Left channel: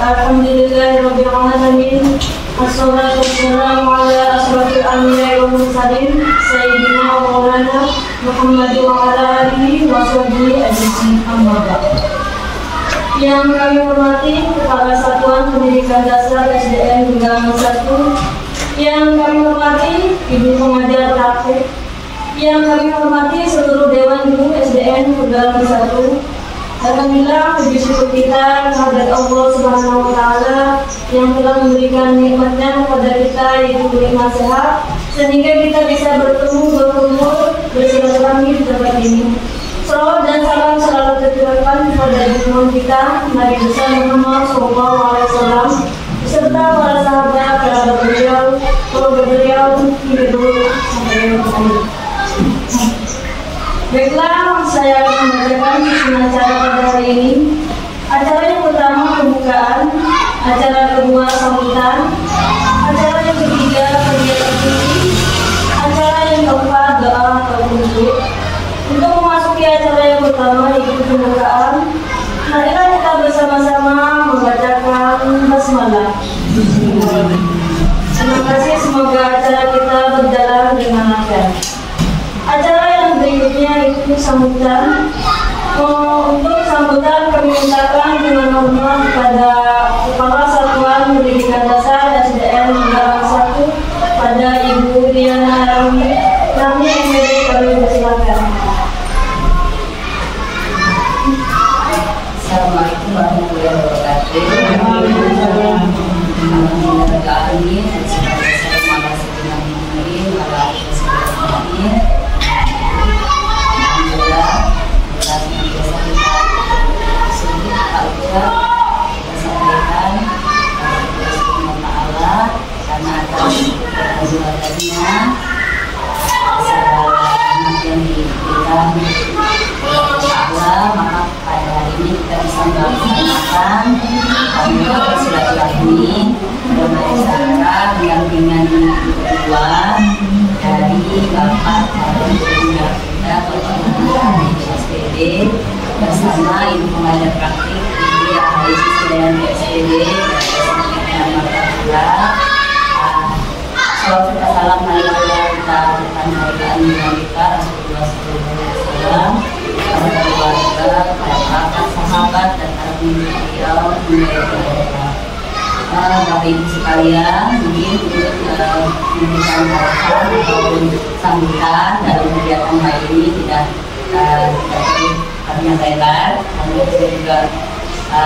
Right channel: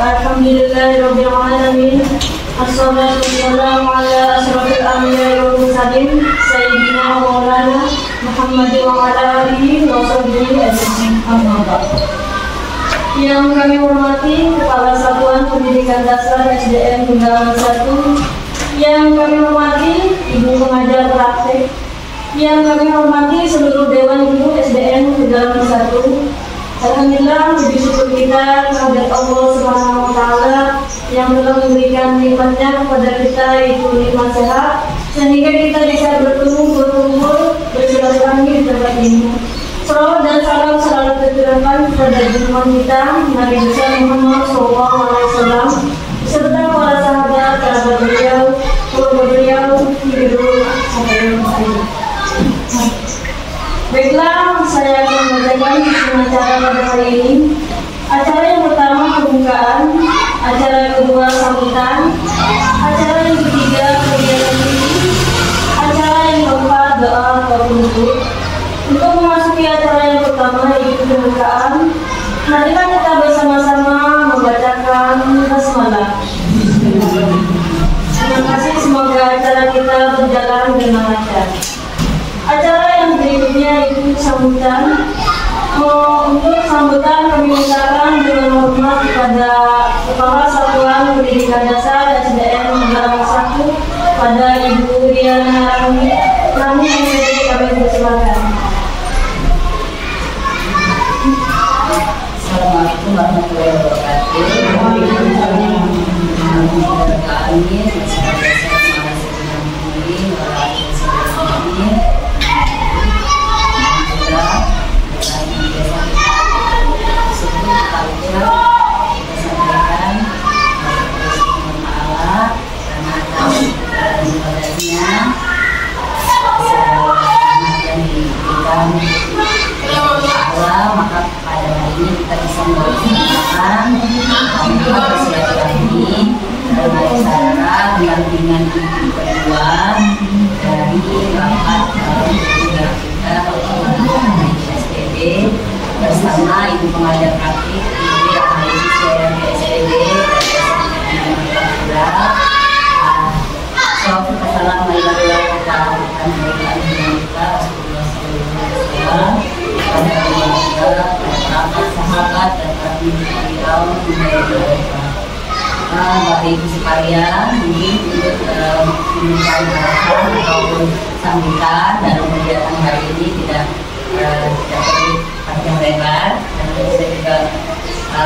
Alhamdulillahirabbil alamin. Wassalatu wassalamu ala asrofil anbiya'i wal mursalin sayyidina wa maulana Muhammad wa ala alihi wa sahbihi ajma'in. Amma ba'd. Yang kami hormati Kepala Satuan Pendidikan Dasar SDN Gundaran 1, yang kami hormati Ibu Pengajar praktik, yang kami hormati seluruh Dewan Guru SDN Gundaran 1. Alhamdulillah, puji syukur kita kehadirat Allah Subhanahu wa Ta'ala yang telah memberikan nikmatnya kepada kita, yaitu nikmat sehat, sehingga kita bisa bertemu, berkumpul, bersilaturahmi di tempat ini. Salawat dan salam selalu tercurahkan kepada junjungan kita Nabi besar Muhammad SAW beserta para sahabat, kerabat beliau, keluarga beliau, hingga dulu sampai hari. Baiklah, saya akan membacakan susunan acara pada hari ini. Acara yang pertama pembukaan, acara kedua sambutan, acara yang ketiga kegiatan ini, acara yang keempat doa atau penutup. Untuk memasuki acara yang pertama yaitu pembukaan, marilah kita bersama-sama membacakan basmalah. Terima kasih, semoga acara kita berjalan dengan lancar. Acara yang berikutnya itu sambutan. Untuk sambutan kami mintakan dengan hormat kepada Kepala Satuan Pendidikan Dasar SDN Gundaran 1 pada Ibu Riana Rami MPD, kami persilakan. Assalamualaikum warahmatullahi wabarakatuh. Maka pada hari ini kita bisa melaksanakan bersilaturahmi dalam acara pendampingan individu kedua dari Bapak Guru kita di SPB bersama Ibu Pengajar Praktik Ibu yang hari siswa di SPB nama Kakula. Salam serta salam marilah kita aturkan kemuliaan dan kita Rasulullah SAW pada keluarga, pada kerabat, sahabat, dan para pemimpin beliau hingga mereka. Bapak Ibu sekalian, mungkin untuk memberikan arahan ataupun sambutan dalam kegiatan hari ini tidak perlu panjang lebar, dan bisa juga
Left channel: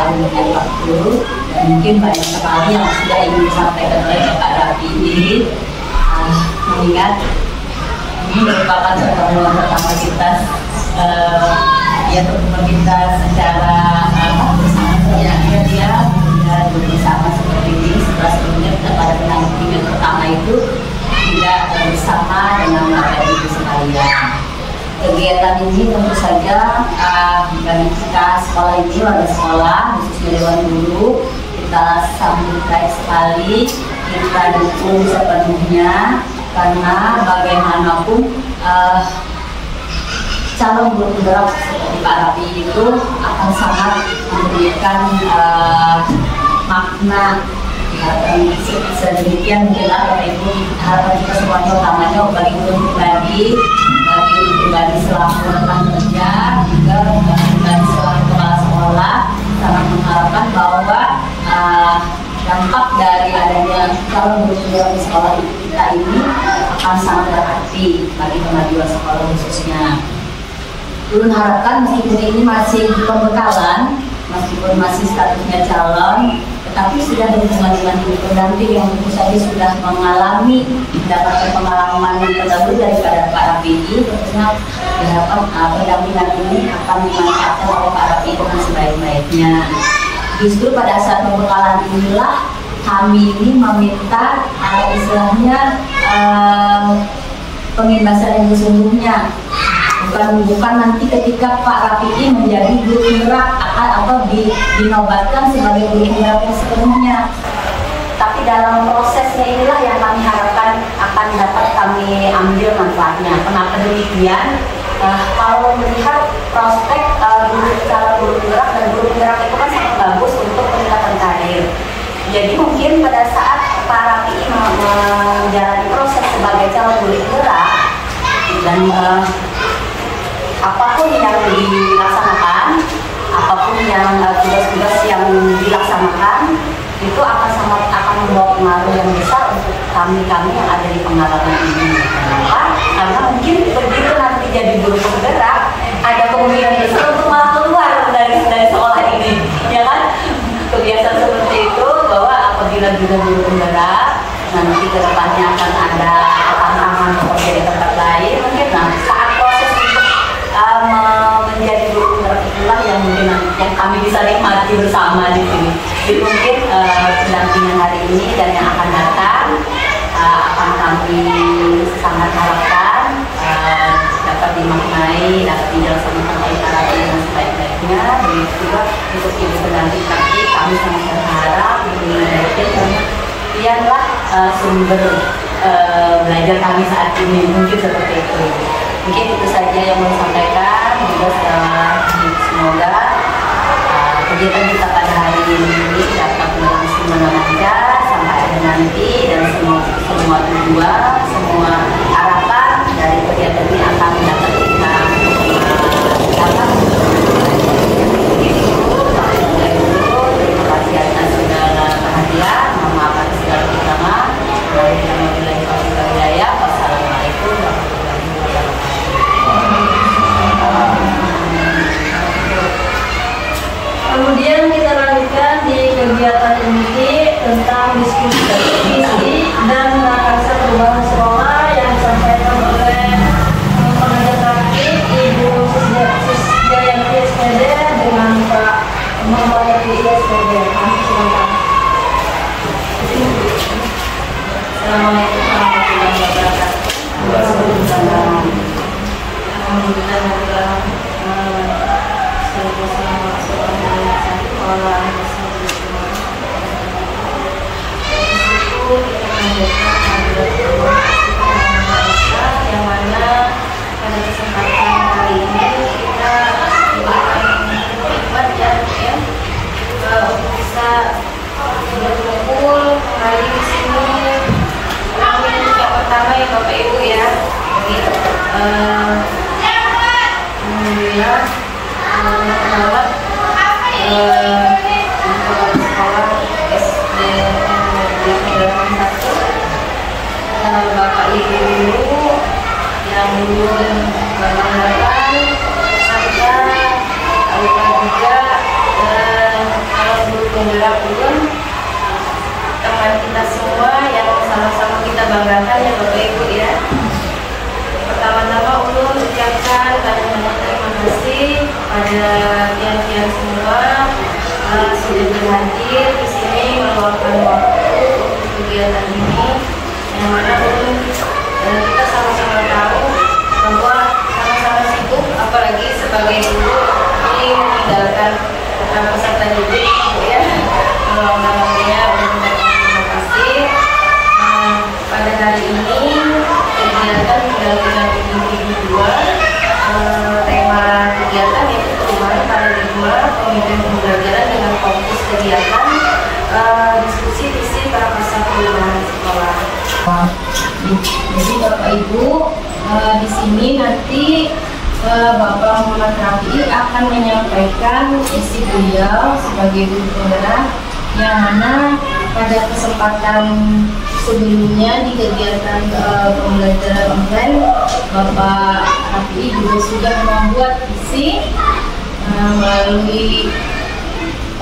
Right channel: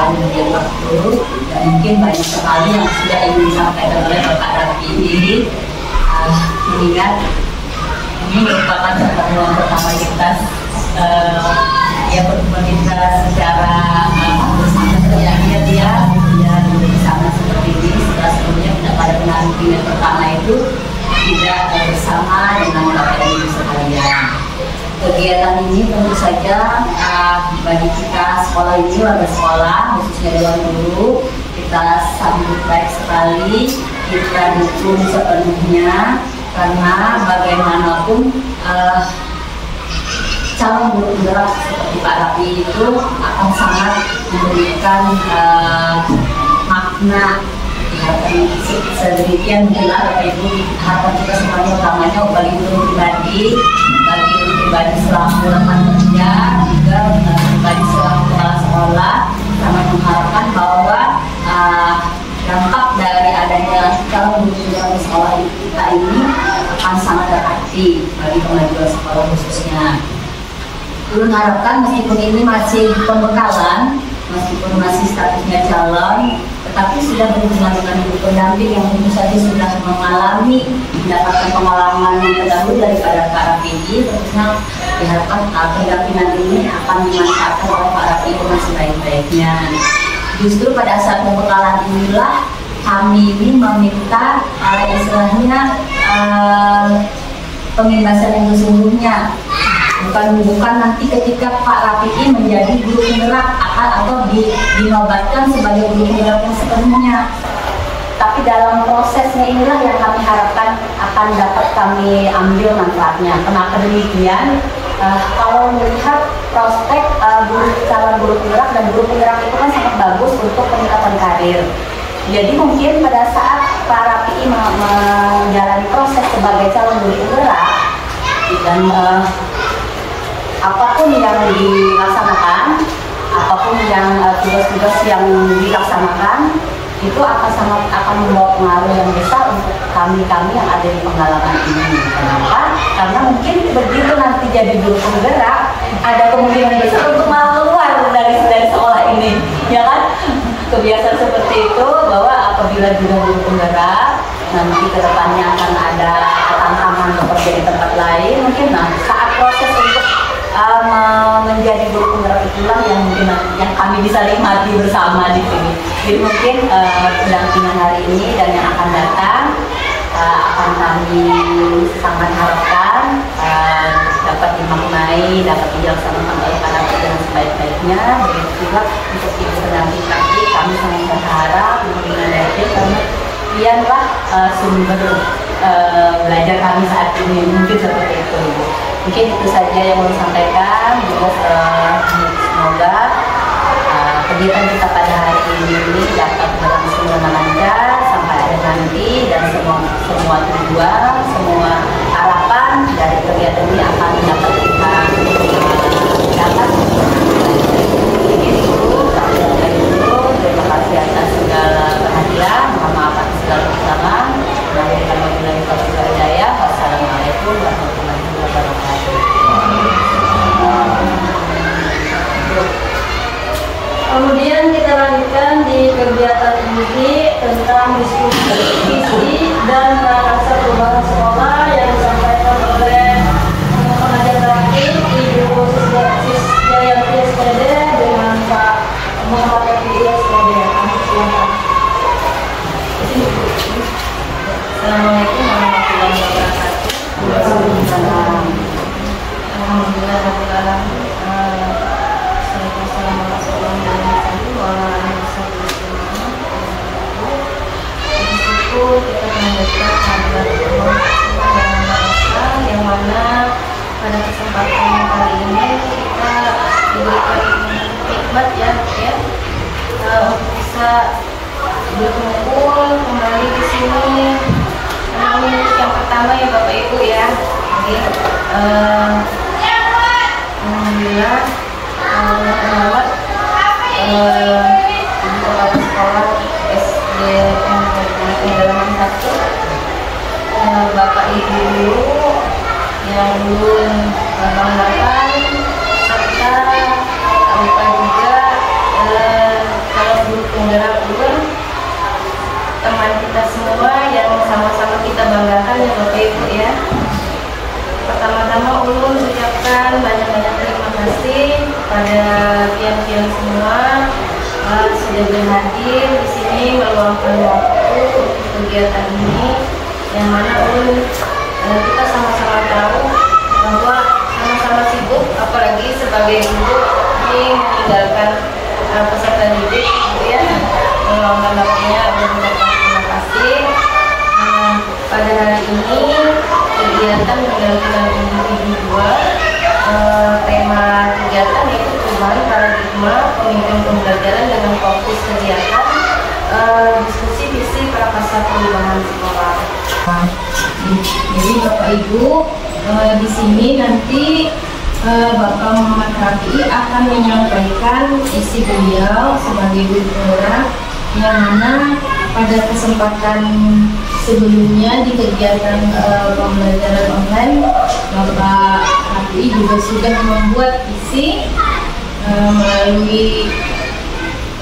memberikan waktu, dan mungkin banyak sekali yang sudah ingin disampaikan oleh Bapak Rafi. Mengingat ini merupakan pertemuan pertama kita, pertemuan kita secara bersama dia bersama seperti ini. Setelah sebelumnya kita pada pendampingan pertama itu tidak bersama dengan Bapak Ibu sekalian. Kegiatan ini tentu saja bagi kita sekolah ini, warga sekolah, khususnya Dewan Guru, kita sambut baik sekali, kita dukung sepenuhnya, karena bagaimanapun calon guru penggerak seperti Pak Rafi itu akan sangat memberikan makna sedemikian mungkinlah Bapak Ibu. Harapan kita semuanya utamanya bagi guru pribadi, selaku rekan kerja, juga pribadi selaku kepala sekolah, sangat mengharapkan bahwa dampak dari adanya calon guru penggerak di sekolah kita ini akan sangat berarti bagi kemajuan sekolah khususnya. Ulun harapkan meskipun ini masih pembekalan, meskipun masih statusnya calon, tetapi sudah berhubungan dengan ibu pendamping yang tentu saja sudah mendapatkan pengalaman yang terdahulu daripada Pak Rafi. Tentunya diharapkan pendampingan ini akan dimanfaatkan oleh Pak Rafi dengan sebaik-baiknya. Justru pada saat pembekalan inilah kami ini meminta istilahnya pembebasan yang sesungguhnya. Bukan nanti ketika Pak Rafi menjadi guru penggerak atau dinobatkan sebagai guru penggerak yang sepenuhnya. Tapi dalam prosesnya inilah yang kami harapkan akan dapat kami ambil manfaatnya. Kenapa demikian? Kalau melihat prospek calon guru penggerak, dan guru penggerak itu kan sangat bagus untuk peningkatan karir. Jadi mungkin pada saat para PI menjalani proses sebagai calon guru penggerak dan apapun yang dilaksanakan, apapun yang tugas-tugas yang dilaksanakan itu akan membawa pengaruh yang besar untuk kami yang ada di pengalaman ini. Kenapa? Karena mungkin begitu nanti jadi guru penggerak, ada kemungkinan besar untuk malah keluar dari sekolah ini, ya kan? Kebiasaan seperti itu, bahwa apabila juga guru penggerak nanti kedepannya akan ada tantangan bekerja di tempat lain, mungkin saat proses untuk menjadi guru penggerak itulah yang mungkin nantinya kami bisa nikmati bersama di sini. Jadi mungkin pendampingan hari ini dan yang akan datang akan kami sangat harapkan dapat dimaknai, dapat dilaksanakan oleh para dengan sebaik-baiknya. Begitu juga untuk ibu pendamping kami sangat berharap dengan baiknya, karena biarlah sumber belajar kami saat ini, mungkin seperti itu. Mungkin itu saja yang mau sampaikan. Juga semoga kegiatan kita pada hari ini dapat berlangsung dengan lancar sampai akhir nanti, dan semua tujuan, semua harapan dari kegiatan ini akan dapat kita capai. Terima kasih atas segala perhatian. Mohon maaf atas segala kekurangan. Wassalamualaikum warahmatullahi wabarakatuh. Kemudian kita lanjutkan di kegiatan inti tentang diskusi dan rasa perubahan sekolah yang disampaikan oleh pengajar terakhir Ibu Sisdayanti SPD dengan Pak Muhammad Yafi SPD. Silakan. Assalamualaikum warahmatullahi wabarakatuh. Yang mana pada kesempatan kali ini kita berkhidmat ya untuk bisa berkumpul kembali di sini. Yang pertama ya Bapak Ibu ya, alhamdulillah penawar sekolah SD Negeri Pendalaman 1, Bapak Ibu yang belum menggunakan serta lupa juga kalau guru penggerak belum teman kita semua yang sama-sama kita banggakan ya Bapak Ibu ya. Pertama-tama ulun ucapkan banyak-banyak terima kasih kepada tiang-tiang semua sudah berhadir di sini meluangkan waktu untuk kegiatan ini, yang mana ulun dan kita sama-sama tahu bahwa sama-sama sibuk, apalagi sebagai guru ini meninggalkan peserta didik ya, meluangkan waktunya. Terima kasih. Pada hari ini kegiatan pendampingan individual, tema kegiatan yaitu perubahan paradigma pemilihan pembelajaran dengan fokus kegiatan diskusi visi prakarsa perubahan sekolah. Jadi Bapak Ibu di sini nanti Bapak Muhammad Rafi akan menyampaikan isi beliau sebagai guru penggerak, yang mana pada kesempatan sebelumnya di kegiatan pembelajaran online Bapak Rafi juga sudah membuat isi melalui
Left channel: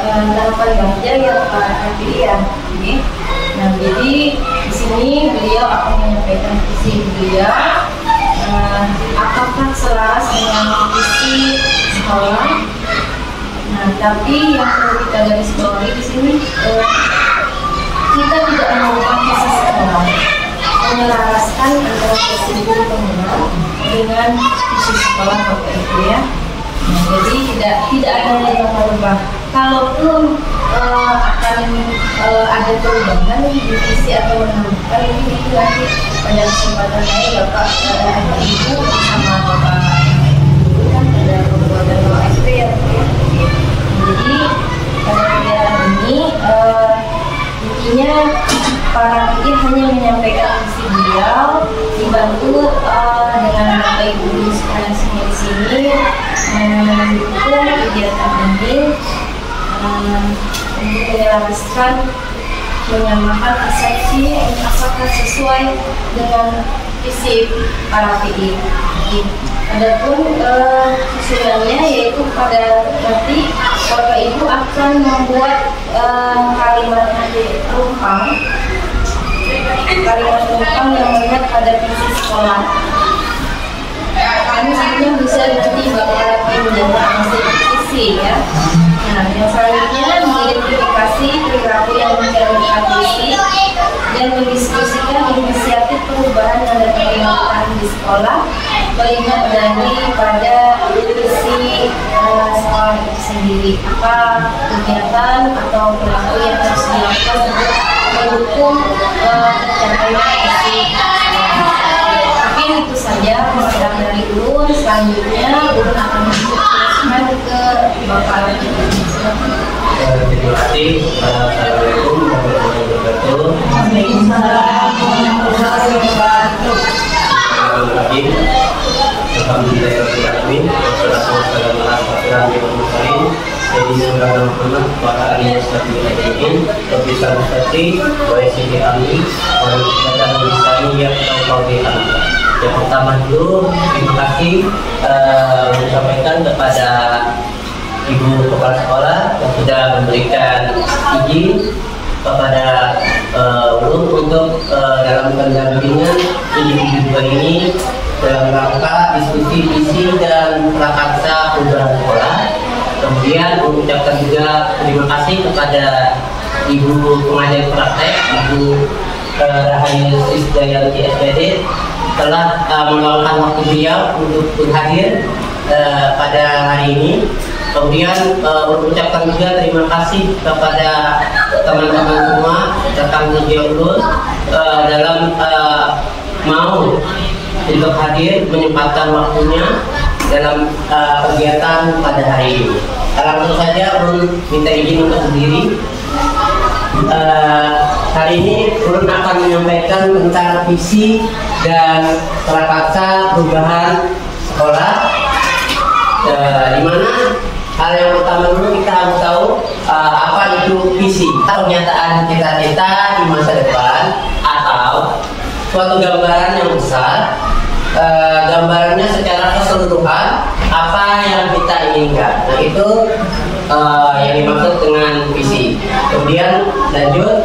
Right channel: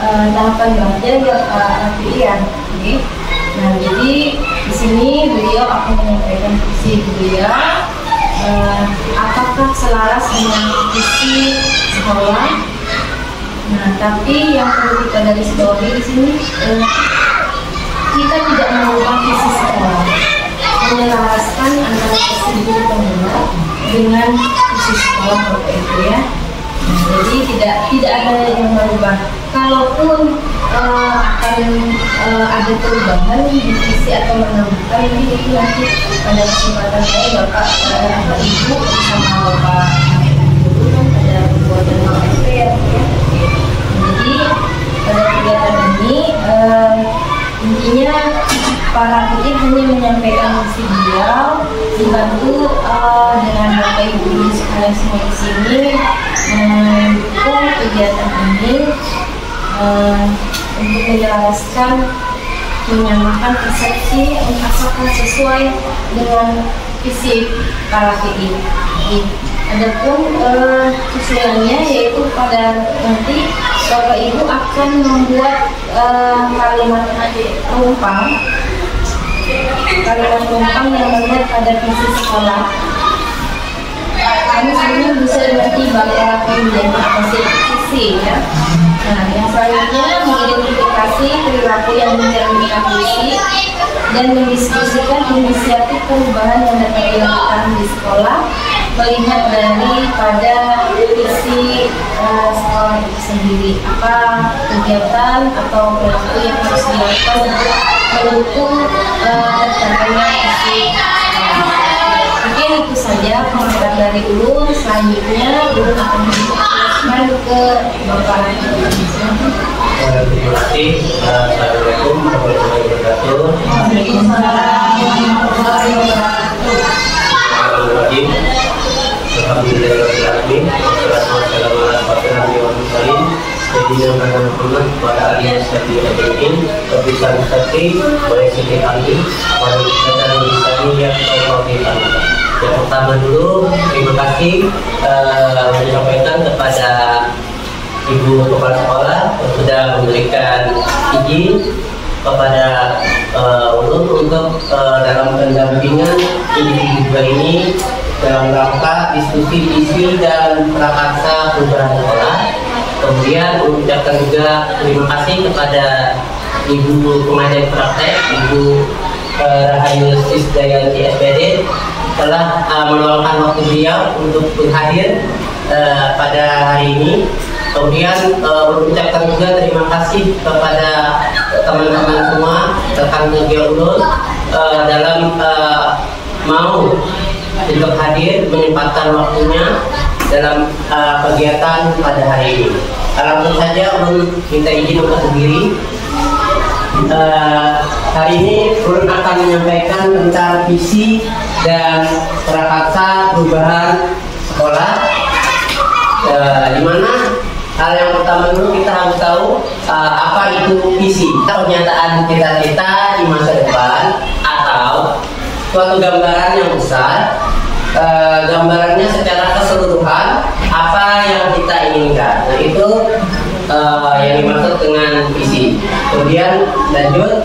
tahapan baca yang Rafi ya. Nah, jadi di sini beliau akan menyampaikan visi beliau, apakah selaras dengan visi sekolah. Nah, tapi yang perlu kita garis bawahi di sini, kita tidak mengubah visi sekolah, menyelaraskan antara visi guru penggerak dengan visi sekolah Bapak Ibu ya. Nah, jadi tidak ada yang merubah. Kalaupun akan ada perubahan di visi atau menambahkan, ini itu nanti pada kesempatan saya Bapak Ibu sama Bapak Guru kan ada pembuatan SP yang para PI hanya menyampaikan visi beliau, dibantu dengan Bapak Ibu guru sekalian semua di sini mendukung kegiatan ini untuk menyelaraskan, menyamakan persepsi asalkan sesuai dengan visi para PI. Adapun susunannya yaitu pada nanti Bapak Ibu akan membuat kalimat rumpang yang melihat pada visi sekolah. Kami sebenarnya bisa nanti Bapak lakukan menjadi visi ya. Nah, yang selanjutnya mengidentifikasi perilaku yang mencerminkan visi dan mendiskusikan inisiatif perubahan yang dapat dilakukan di sekolah melihat daripada visi sekolah itu sendiri, apa kegiatan atau perilaku yang harus dilakukan untuk mendukung tercapainya visi. Mungkin itu saja pengantar dari Ulun. Selanjutnya Ulun akan menjelaskan ke Bapak. Terima kasih. Assalamualaikum warahmatullahi wabarakatuh. Waalaikumsalam warahmatullahi wabarakatuh. Bismillahirrahmanirrahim. Alhamdulillahirrahmanirrahim. Wassalatu wassalamu ala asyrofil anbiya'i wal mursalin sayyidina Muhammad wa ala alihi washabihi ajmain. Rabbi shrah li sadri wa yassir li amri wahlul 'uqdatam min lisani yafqahu qawli. Yang pertama dulu terima kasih menyampaikan kepada Ibu Kepala Sekolah yang sudah memberikan izin kepada Ulun untuk dalam pendampingan individu ini dalam rangka diskusi visi dan prakarsa perubahan sekolah. Kemudian mengucapkan juga terima kasih kepada Ibu Pengajar Praktek, Ibu Rahayu Sisdayanti SPD telah meluangkan waktu beliau untuk hadir pada hari ini. Kemudian mengucapkan juga terima kasih kepada teman-teman semua rekan kerja Ulun dalam mau untuk hadir menyempatkan waktunya dalam kegiatan pada hari ini. Langsung saja Ulun minta izin untuk berdiri. Hari ini Ulun akan menyampaikan tentang visi dan prakarsa perubahan sekolah, di mana hal yang pertama dulu kita harus tahu apa itu visi, pernyataan cita-cita di masa depan atau suatu gambaran yang besar, gambarannya secara keseluruhan apa yang kita inginkan. Nah itu yang dimaksud dengan visi. Kemudian lanjut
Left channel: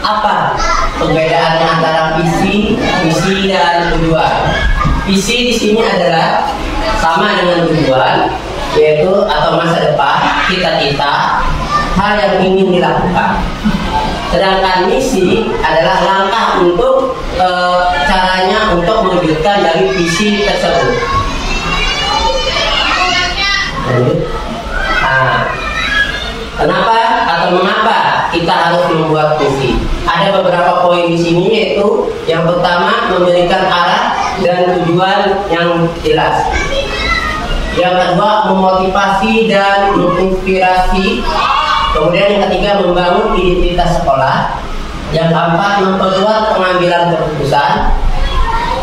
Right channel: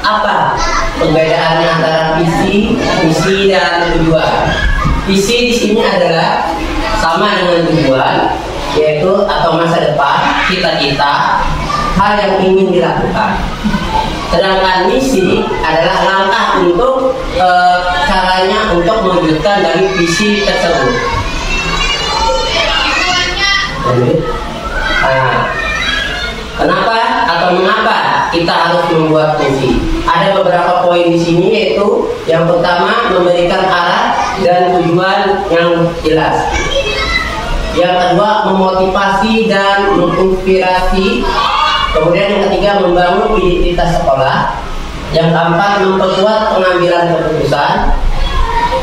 apa perbedaannya antara visi dan tujuan. Visi di sini adalah sama dengan tujuan, yaitu atau masa depan, cita-cita, hal yang ingin dilakukan. Sedangkan misi adalah langkah untuk caranya untuk mewujudkan dari visi tersebut. Nah, kenapa atau mengapa kita harus membuat visi? Ada beberapa poin di sini, yaitu yang pertama memberikan arah dan tujuan yang jelas. Yang kedua memotivasi dan menginspirasi. Kemudian yang ketiga membangun identitas sekolah. Yang keempat memperkuat pengambilan keputusan.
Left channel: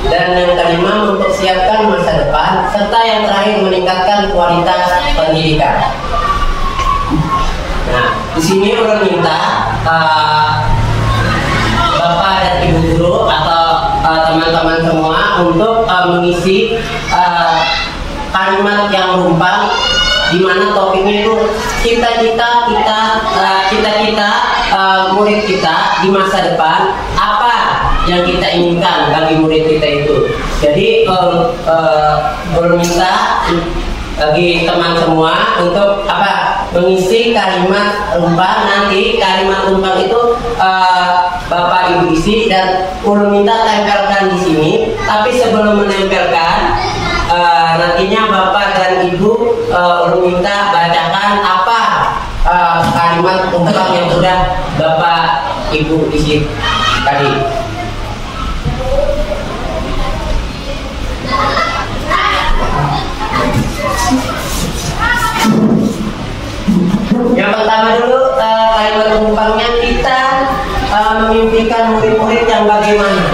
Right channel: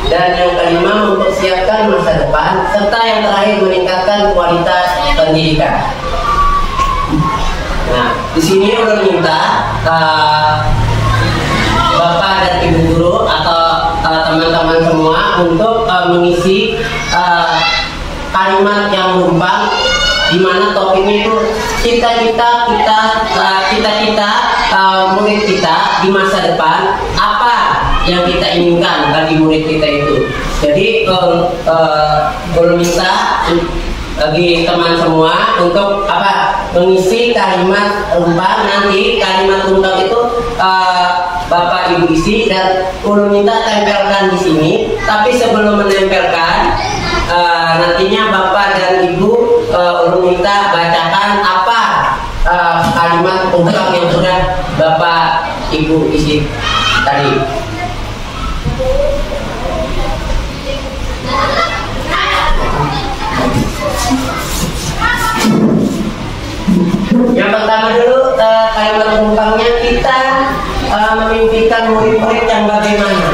Dan yang kelima mempersiapkan masa depan. Serta yang terakhir meningkatkan kualitas pendidikan. Nah, di sini Ulun minta Bapak dan Ibu guru atau teman-teman semua untuk mengisi kalimat yang rumpang, di mana topiknya itu cita-cita murid kita di masa depan, apa yang kita inginkan bagi murid kita itu. Jadi belum minta bagi teman semua untuk mengisi kalimat rumpang. Nanti kalimat rumpang itu Bapak Ibu isi dan ulun minta tempelkan di sini. Tapi sebelum menempelkan, nantinya Bapak dan Ibu ulun minta bacakan apa kalimat rumpang yang sudah Bapak Ibu isi tadi. Yang pertama dulu kalimat pembukaannya kita memimpikan murid-murid yang bagaimana?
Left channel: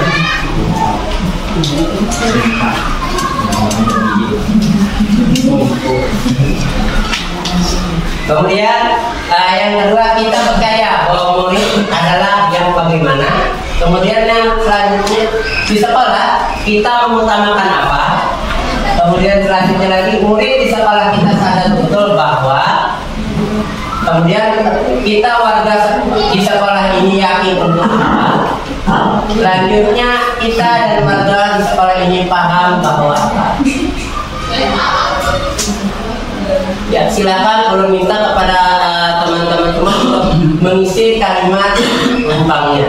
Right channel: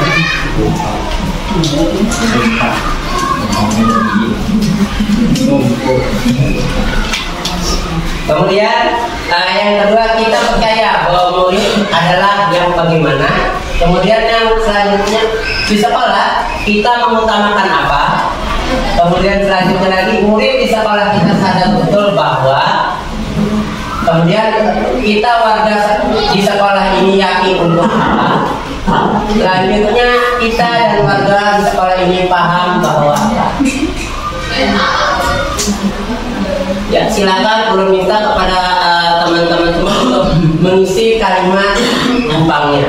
Kemudian yang kedua, kita percaya bahwa murid adalah yang bagaimana. Kemudian yang selanjutnya, di sekolah kita mengutamakan apa. Kemudian selanjutnya lagi, murid di sekolah kita sadar betul bahwa. Kemudian kita warga di sekolah ini yakin untuk apa. Selanjutnya kita dan warga di sekolah ini paham bahwa apa. Ya, silakan ulun minta kepada teman-teman semua untuk mengisi kalimat pembukanya.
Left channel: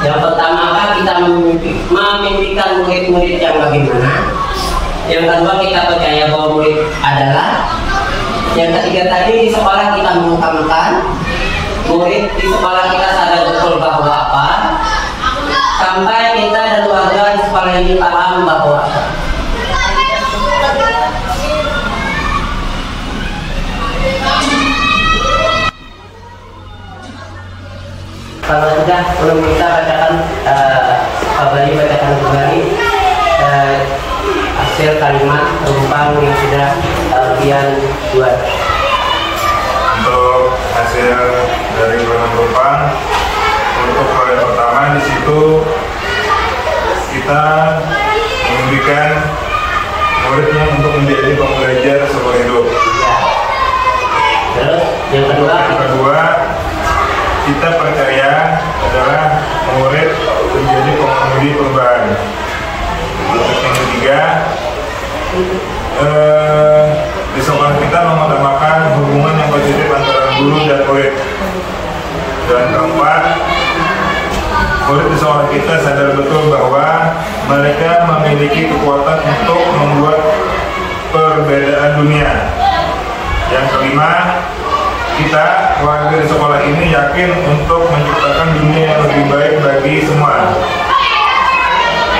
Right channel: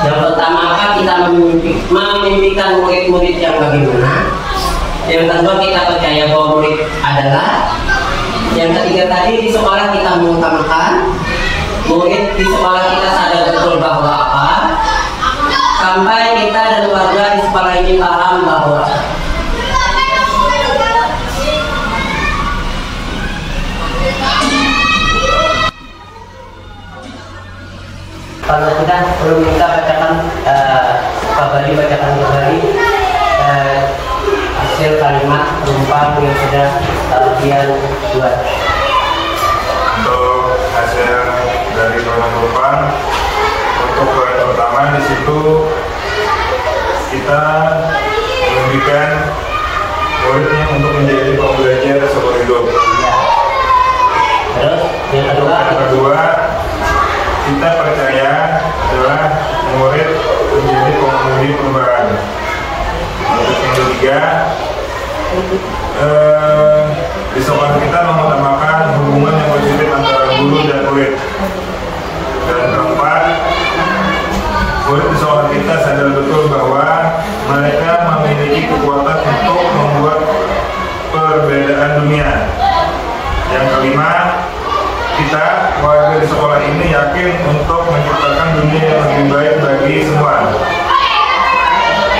Yang pertama apa? Kita memimpikan murid-murid yang bagaimana. Yang kedua, kita percaya bahwa murid adalah. Yang ketiga tadi, di sekolah kita mengutamakan murid, di sekolah kita sadar betul bahwa apa. Sampai kita dan warga di sekolah ini paham bahwa kalau sudah belum kita bacakan Pak bacakan kembali hasil kalimat perumpang yang sudah kalian buat. Untuk hasil dari kalimat perumpang, untuk kalimat pertama di situ kita memberikan muridnya untuk menjadi pembelajar seumur hidup. Terus yang kedua, kita percaya adalah murid menjadi pengemudi perubahan. Yang ketiga, di sekolah kita mengutamakan hubungan yang positif antara guru dan murid. Dan keempat, murid di sekolah kita sadar betul bahwa mereka memiliki kekuatan untuk membuat perbedaan dunia. Yang kelima, kita warga di sekolah ini yakin untuk menciptakan dunia yang lebih baik bagi semua.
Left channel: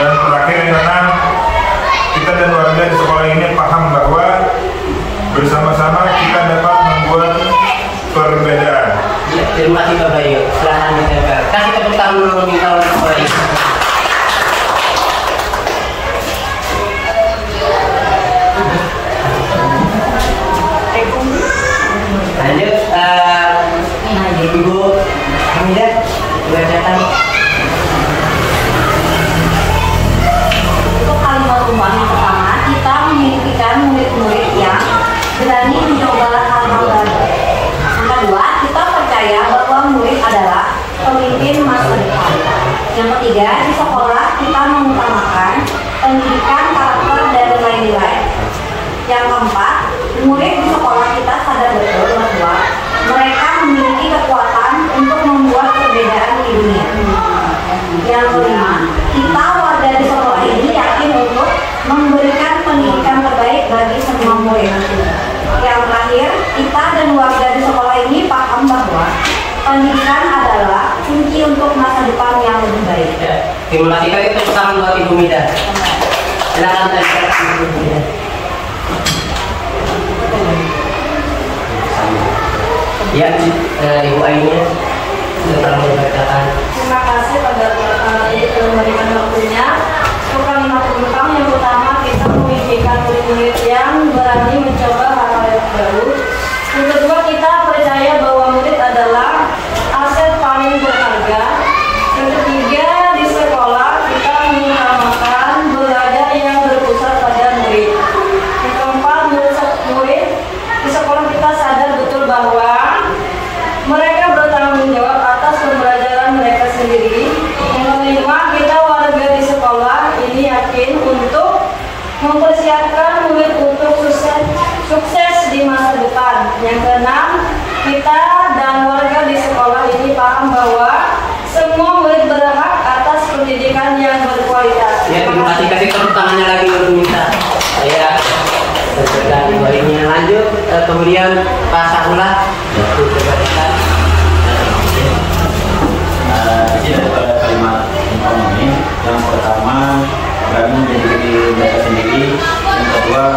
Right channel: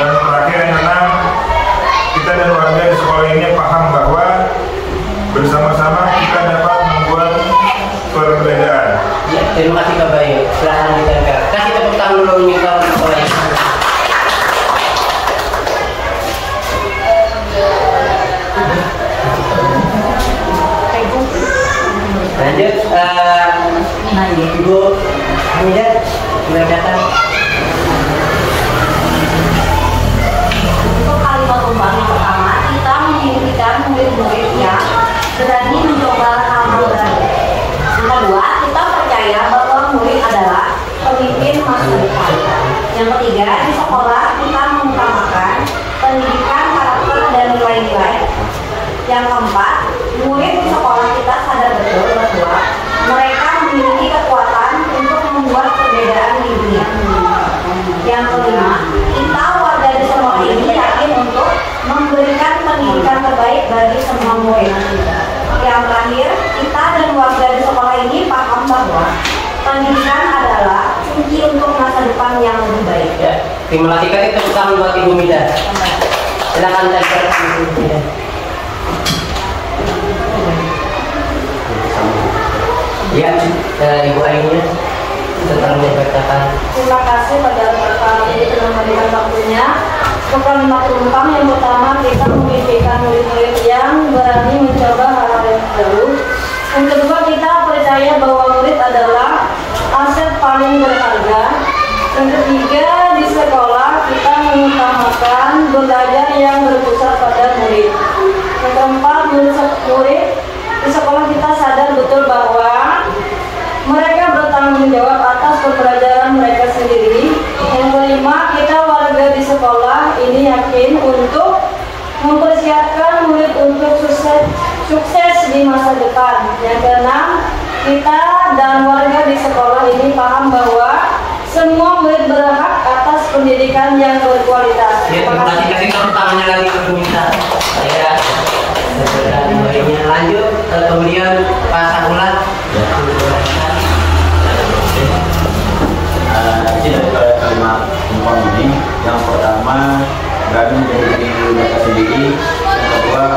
Dan terakhir yang keenam, kita dan warga di sekolah ini paham bahwa bersama-sama kita dapat membuat perbedaan. Ya, terima kasih Pak Bayu. Silakan kita kasih tepuk tangan dulu minta untuk sekolah ini. Lanjut, Ibu Hamidah, sudah datang. Untuk kalimat perumpang yang pertama, kita memimpikan murid-murid yang berani mencoba hal-hal baru. Yang kedua, kita percaya bahwa murid adalah pemimpin masa depan. Yang ketiga, di sekolah kita mengutamakan pendidikan, karakter, dan nilai-nilai. Yang keempat, murid di sekolah kita sadar betul bahwa mereka memiliki kekuatan untuk membuat perbedaan di dunia. Yang kelima, kita warga di sekolah ini yakin untuk memberikan pendidikan terbaik bagi semua murid. Yang terakhir, kita dan warga di sekolah ini paham bahwa pendidikan adalah kunci untuk masa depan yang lebih baik. Ya, terima kasih kali tepuk tangan buat Ibu Mida. Silakan tempel Ibu Mida. Ya, Ibu Ainya setelah membacakan. Terima kasih pada Bapak yang memberikan waktunya. Untuk kalimat perumpang yang pertama, kita memimpikan murid-murid yang berani mencoba hal-hal yang baru. Yang kedua, kita percaya bahwa murid adalah aset paling berharga. Yang ketiga, di sekolah kita mengutamakan belajar yang berpusat pada murid. Yang keempat, murid di sekolah kita sadar betul bahwa mereka bertanggung jawab atas pembelajaran mereka sendiri. Yang kelima, kita warga di sekolah ini yakin untuk mempersiapkan murid untuk sukses di masa depan. Yang keenam, kita dan warga di sekolah ini paham bahwa semua murid berhak atas pendidikan yang berkualitas. Ya, kasih tepuk tangannya lagi untuk minta. Ya, dan ini lanjut. Kemudian Pak Sahulah. Di pada kalimat tumpang ini, yang pertama berani menjadi diri mereka sendiri, yang kedua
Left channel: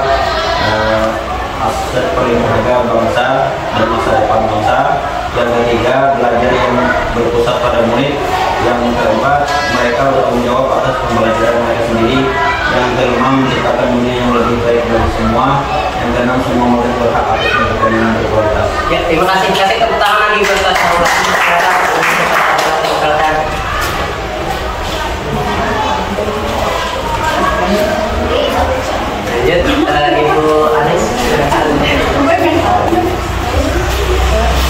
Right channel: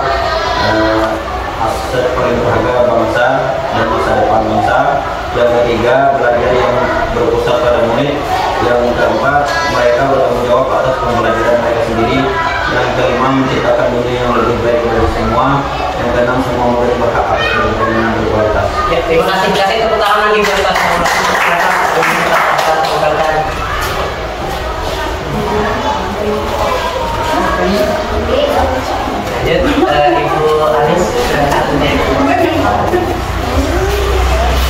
aset paling berharga bangsa dan masa depan bangsa, yang ketiga belajar yang berpusat pada murid, yang keempat mereka bertanggung jawab atas pembelajaran mereka sendiri, yang kelima menciptakan dunia yang lebih baik bagi semua, yang keenam semua murid berhak atas pendidikan yang berkualitas. Ya, terima kasih. Kasih tepuk tangan lagi buat Pak Sahulah. Lanjut, Ibu Anis, silakan.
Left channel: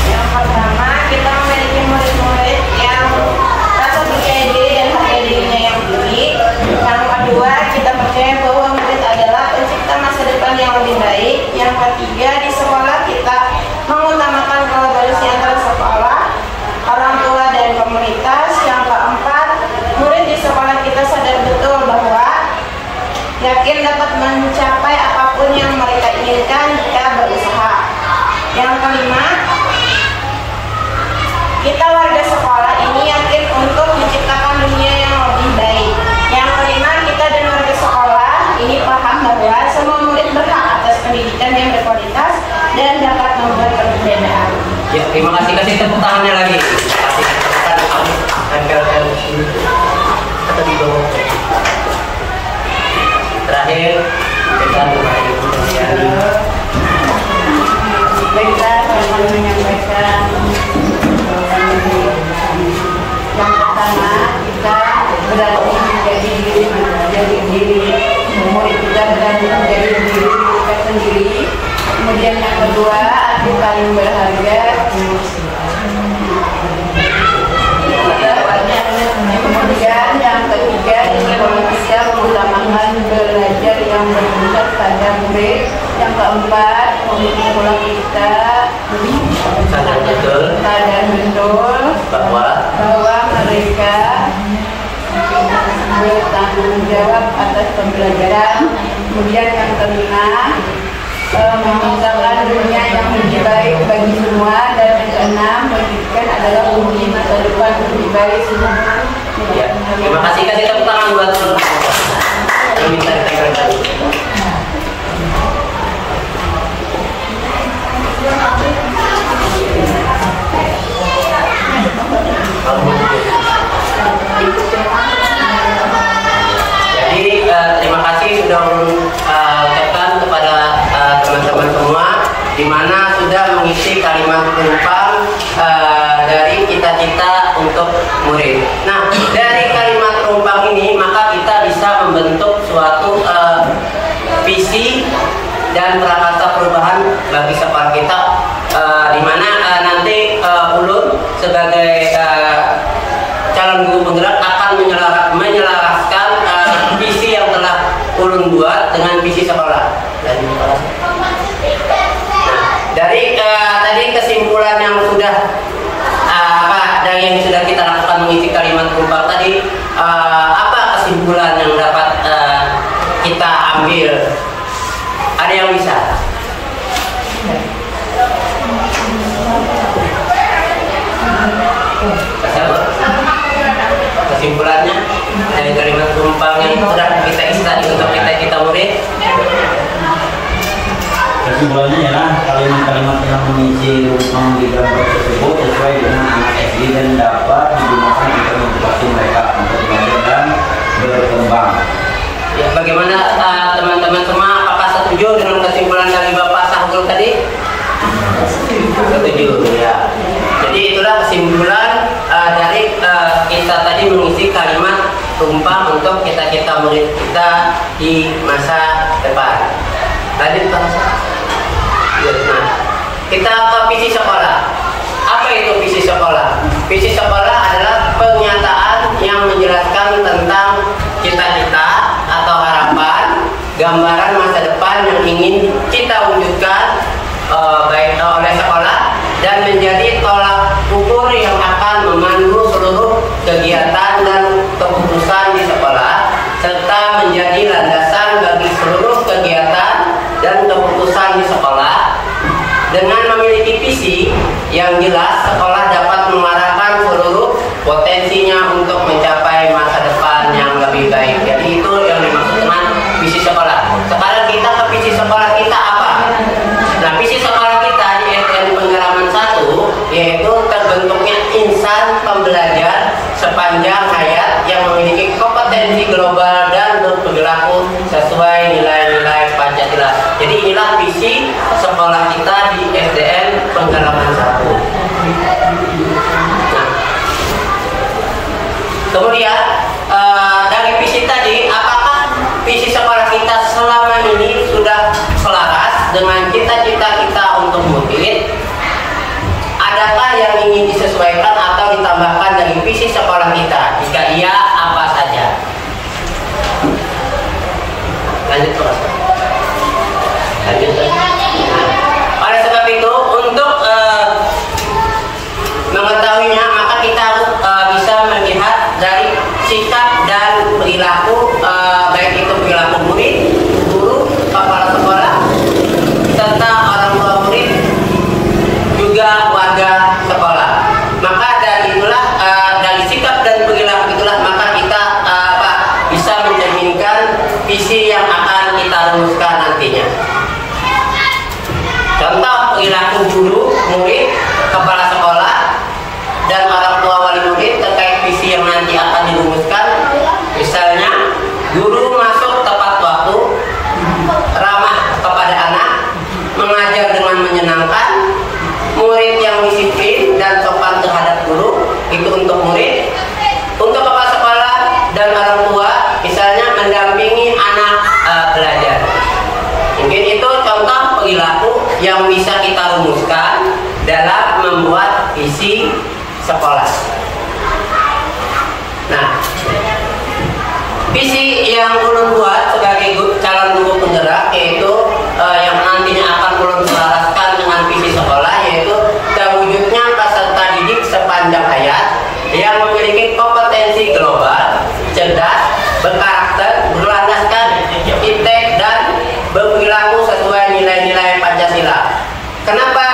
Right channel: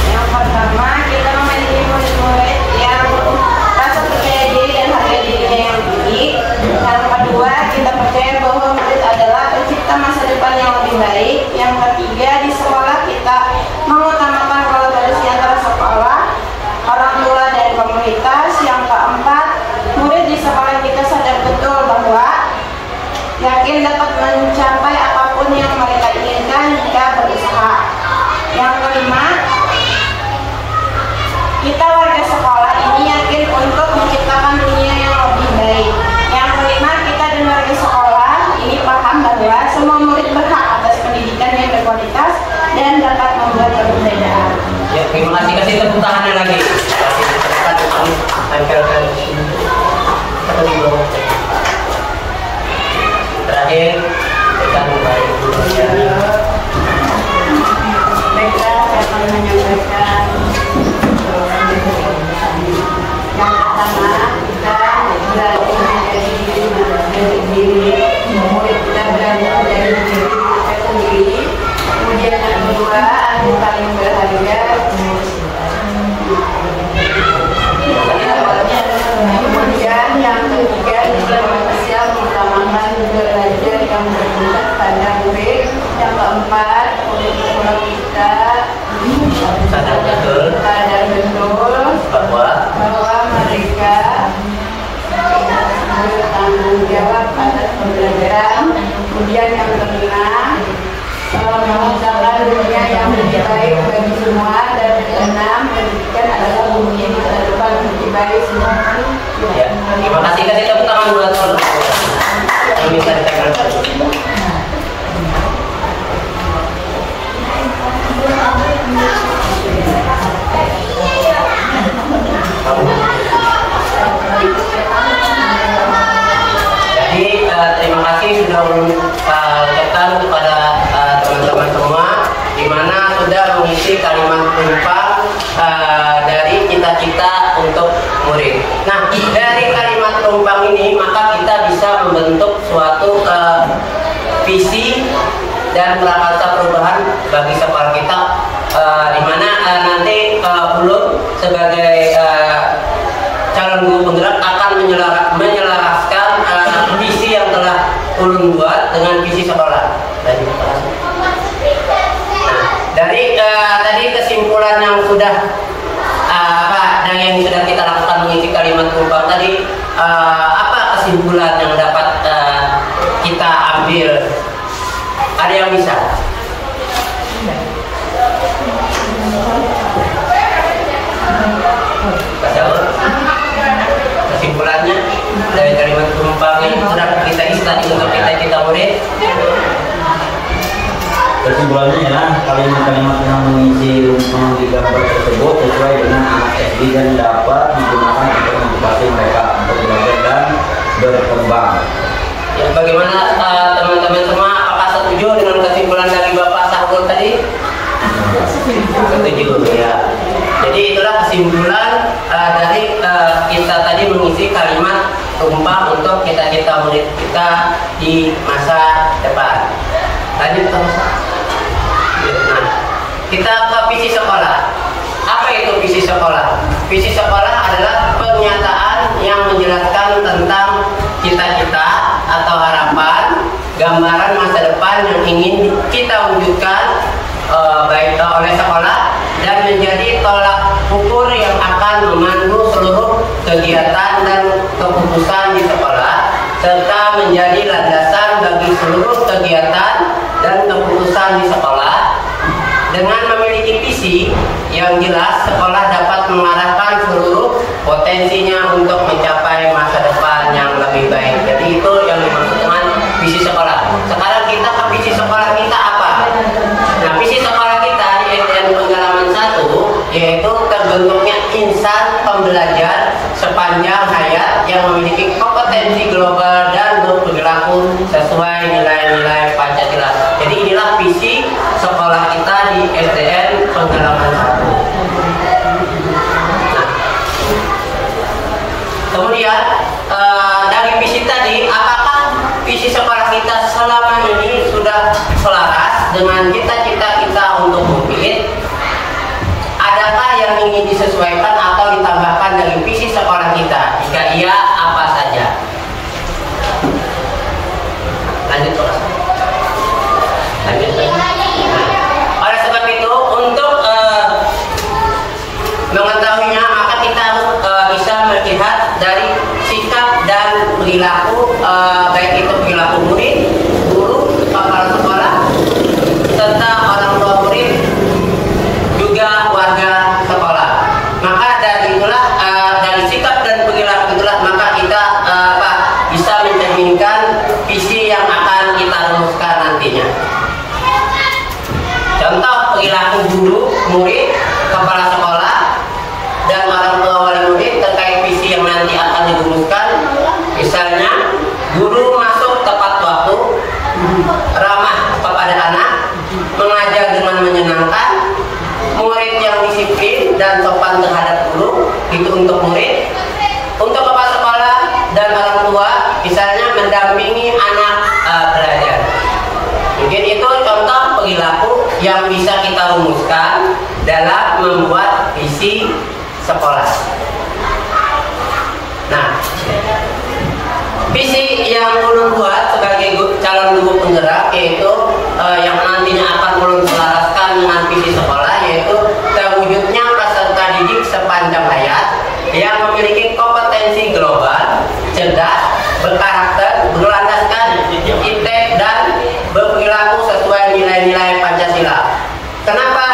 Yang pertama, kita memiliki murid-murid yang harus percaya diri dan harga dirinya yang tinggi. Yang kedua, kita percaya bahwa murid adalah pencipta masa depan yang lebih baik. Yang ketiga, di sekolah kita mengutamakan kolaborasi antara sekolah, orang tua dan komunitas. Yang keempat, murid di sekolah kita sadar betul bahwa yakin dapat mencapai apapun yang mereka inginkan jika berusaha. Yang kelima, kita warga sekolah ini yakin untuk menciptakan dunia yang lebih baik. Yang kelima, kita dan warga sekolah ini paham bahwa semua murid berhak atas pendidikan yang berkualitas dan dapat memberi perbedaan. Ya, terima kasih. Kasih tepuk tangannya lagi. Kasih tepuk tangan. Tempelkan di sini atau di bawah. Terakhir dan Baiklah, akan menyampaikan yang pertama, kita berarti menjadi diri murid, kita berani menjadi diri kita sendiri. Kemudian yang kedua, yang paling berharga, kemudian yang ketiga, kita mengutamakan belajar yang berpusat pada murid. Yang keempat, sekolah kita sadar betul bahwa mereka bertanggung jawab atas pembelajaran. Kemudian yang kelima, menciptakan dunia yang lebih baik bagi semua. Dan yang keenam, pendidikan adalah bumi masa depan lebih baik semua. ya, terima kasih. Kasih tepuk tangan buat ini bisa ditempelkan. Jadi terima kasih sudah ucapkan kepada teman-teman semua, di mana sudah mengisi kalimat penumpang dari cita-cita untuk murid. Nah, dari kalimat penumpang ini maka kita bisa membentuk suatu visi dan prakarsa perubahan bagi sekolah kita, di mana nanti Ulun sebagai calon guru penggerak akan menyelaraskan visi yang telah Ulun buat dengan visi sekolah. Nah, dari tadi kesimpulan yang sudah dari yang sudah kita lakukan mengisi kalimat penumpang tadi, apa kesimpulan yang dapat kita ambil? Ada yang bisa? Kesimpulannya dari kalimat penumpang yang sudah kita isi tadi untuk kita murid. Kesimpulannya ya, kalimat-kalimat yang mengisi rumpang di gambar tersebut sesuai dengan anak SD dan dapat digunakan untuk motivasi mereka untuk belajar dan berkembang. Ya, bagaimana teman-teman semua? Apakah setuju dengan kesimpulan dari Bapak Sahul tadi? Setuju ya. Jadi itulah kesimpulan dari kita tadi mengisi kalimat tumpang untuk kita murid kita di masa depan. Lanjut Pak. Nah, kita ke visi sekolah. Apa itu visi sekolah? Visi sekolah adalah pernyataan yang menjelaskan tentang cita-cita atau harapan, gambaran masa depan yang ingin kita wujudkan baik oleh sekolah dan menjadi tolak ukur yang akan memandu seluruh kegiatan dan keputusan di sekolah, serta menjadi landasan bagi seluruh kegiatan dan keputusan di sekolah. Dengan memiliki visi yang jelas, sekolah dapat mengarahkan seluruh potensinya untuk mencapai masa depan yang lebih baik. Jadi itu yang dimaksud dengan visi sekolah. Sekarang kita ke visi sekolah kita apa? Nah, visi sekolah kita di SDN Penggalaman 1 yaitu terbentuknya insan pembelajar sepanjang hayat yang memiliki kompetensi global dan berperilaku sesuai nilai-nilai Pancasila. Jadi inilah visi sekolah kita di SDN Penggalaman 1. Nah, kemudian dari visi tadi, apakah visi sekolah kita selama ini sudah selaras dengan cita-cita kita untuk murid? Adakah yang ingin disesuaikan atau ditambahkan dari visi sekolah kita? Jika iya, apa saja? Lanjut terus. Nah, oleh sebab itu, untuk mengetahuinya, maka kita bisa melihat dari sikap dan perilaku, baik itu perilaku murid, guru, kepala sekolah, serta orang tua murid, juga warga sekolah. Maka dari itulah, dari sikap dan perilaku itulah, maka kita bisa mencerminkan visi yang akan kita rumuskan nantinya. Contoh perilaku guru, murid, kepala sekolah, dan orang tua wali murid terkait visi yang nanti akan dirumuskan. Misalnya, guru masuk tepat waktu, ramah kepada anak, mengajar dengan menyenangkan, murid yang disiplin dan sopan terhadap guru. Itu untuk murid. Untuk kepala sekolah dan orang tua, misalnya mendampingi anak belajar. Mungkin itu contoh perilaku yang bisa kita rumuskan dalam membuat visi sekolah. Nah, visi yang ulun buat sebagai calon guru penggerak yaitu yang nantinya akan ulun selaraskan dengan visi sekolah, yaitu terwujudnya peserta didik sepanjang hayat yang memiliki kompetensi global, cerdas, berkarakter, berlandaskan integritas dan berperilaku sesuai nilai-nilai Pancasila. Kenapa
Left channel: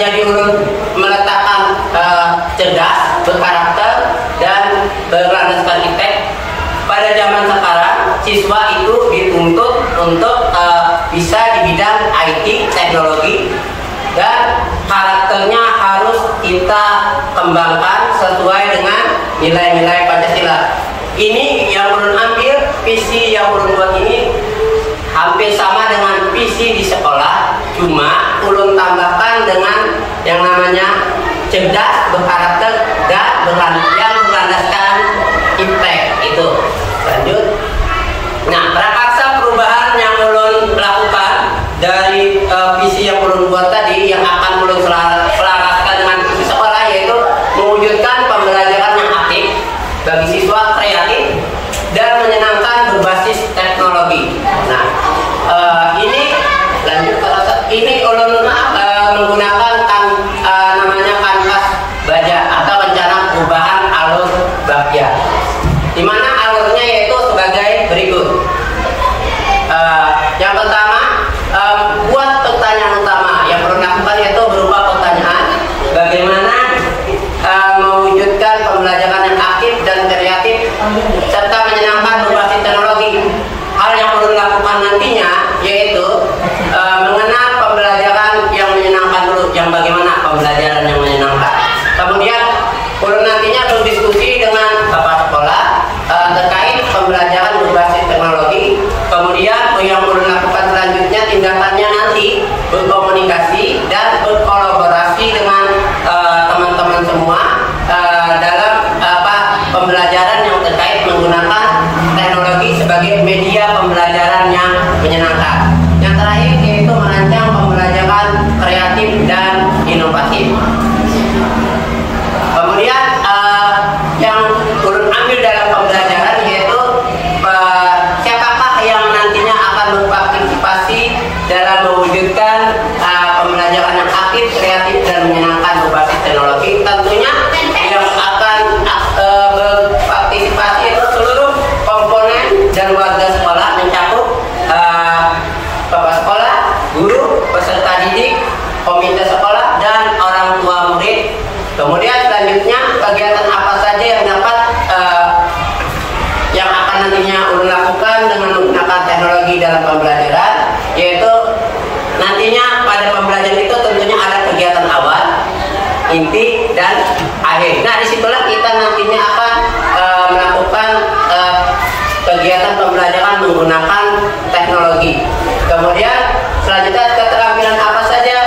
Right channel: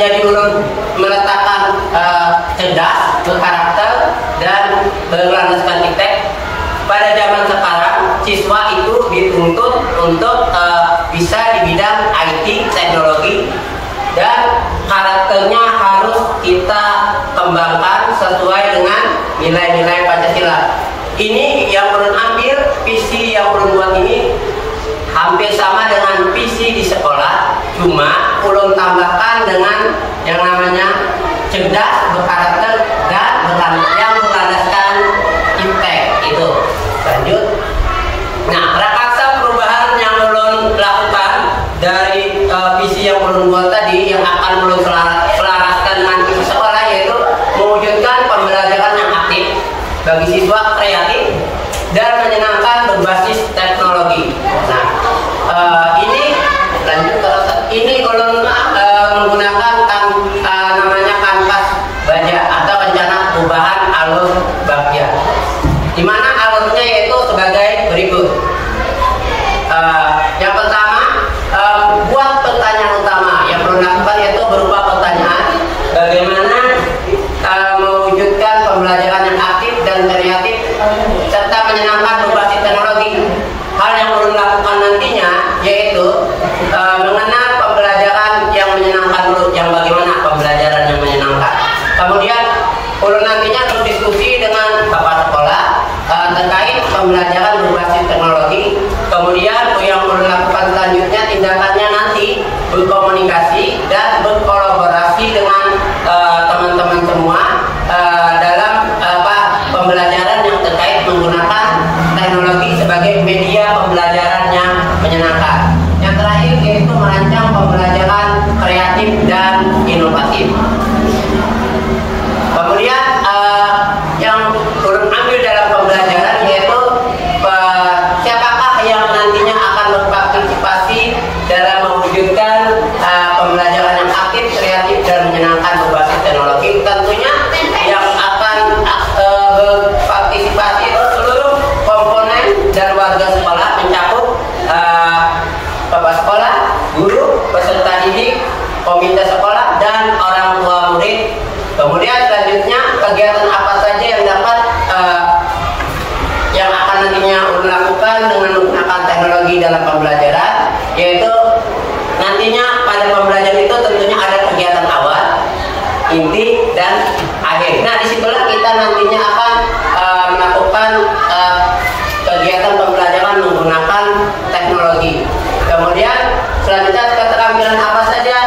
jadi ulun meletakkan cerdas, berkarakter, dan berlandaskan integritas? Pada zaman sekarang, siswa itu dituntut untuk bisa di bidang IT, teknologi, dan karakternya harus kita kembangkan sesuai dengan nilai-nilai Pancasila. Ini yang ulun ambil, visi yang ulun buat ini hampir sama dengan visi di sekolah, cuma ulun tambahkan dengan yang namanya cerdas, berkarakter, dan yang berlandaskan impact itu. Lanjut. Nah, prakarsa perubahan yang ulun lakukan dari visi yang ulun buat tadi, yang akan ulun selaraskan dengan visi sekolah, yaitu mewujudkan pembelajaran yang aktif bagi siswa, kreatif dan menyenangkan berbasis teknologi. Nah, ini lanjut terus. Ini ulun menggunakan namanya kanvas baja atau rencana perubahan alur Bagja, di mana alurnya yaitu sebagai berikut. Yang pertama, buat pertanyaan utama yang perlu dilakukan yaitu berupa pertanyaan bagaimana mewujudkan pembelajaran yang aktif dan kreatif serta menyenangkan berbasis teknologi. Hal yang perlu dilakukan nantinya yaitu mengenal pembelajaran yang menyenangkan dulu, yang bagaimana pembelajaran yang menyenangkan. Kemudian perlu nantinya berdiskusi dengan kepala sekolah terkait pembelajaran berbasis teknologi. Kemudian yang perlu dilakukan selanjutnya tindakannya nanti berkomunikasi dan berkolaborasi dengan teman-teman semua dalam pembelajaran yang terkait menggunakan teknologi sebagai media pembelajaran yang menyenangkan. Yang terakhir yaitu merancang pembelajaran kreatif dan inovatif. Kemudian tentunya yang akan berpartisipasi itu seluruh komponen dan warga sekolah, mencakup bapak sekolah, guru, peserta didik, komite sekolah, dan orang tua murid. Kemudian selanjutnya kegiatan apa saja yang dapat yang akan nantinya dilakukan dengan menggunakan teknologi dalam pembelajaran, yaitu nantinya pada pembelajaran itu tentunya ada kegiatan awal, inti, dan akhir. Nah, disitulah kita nantinya akan melakukan kegiatan pembelajaran menggunakan teknologi. Kemudian selanjutnya keterampilan apa saja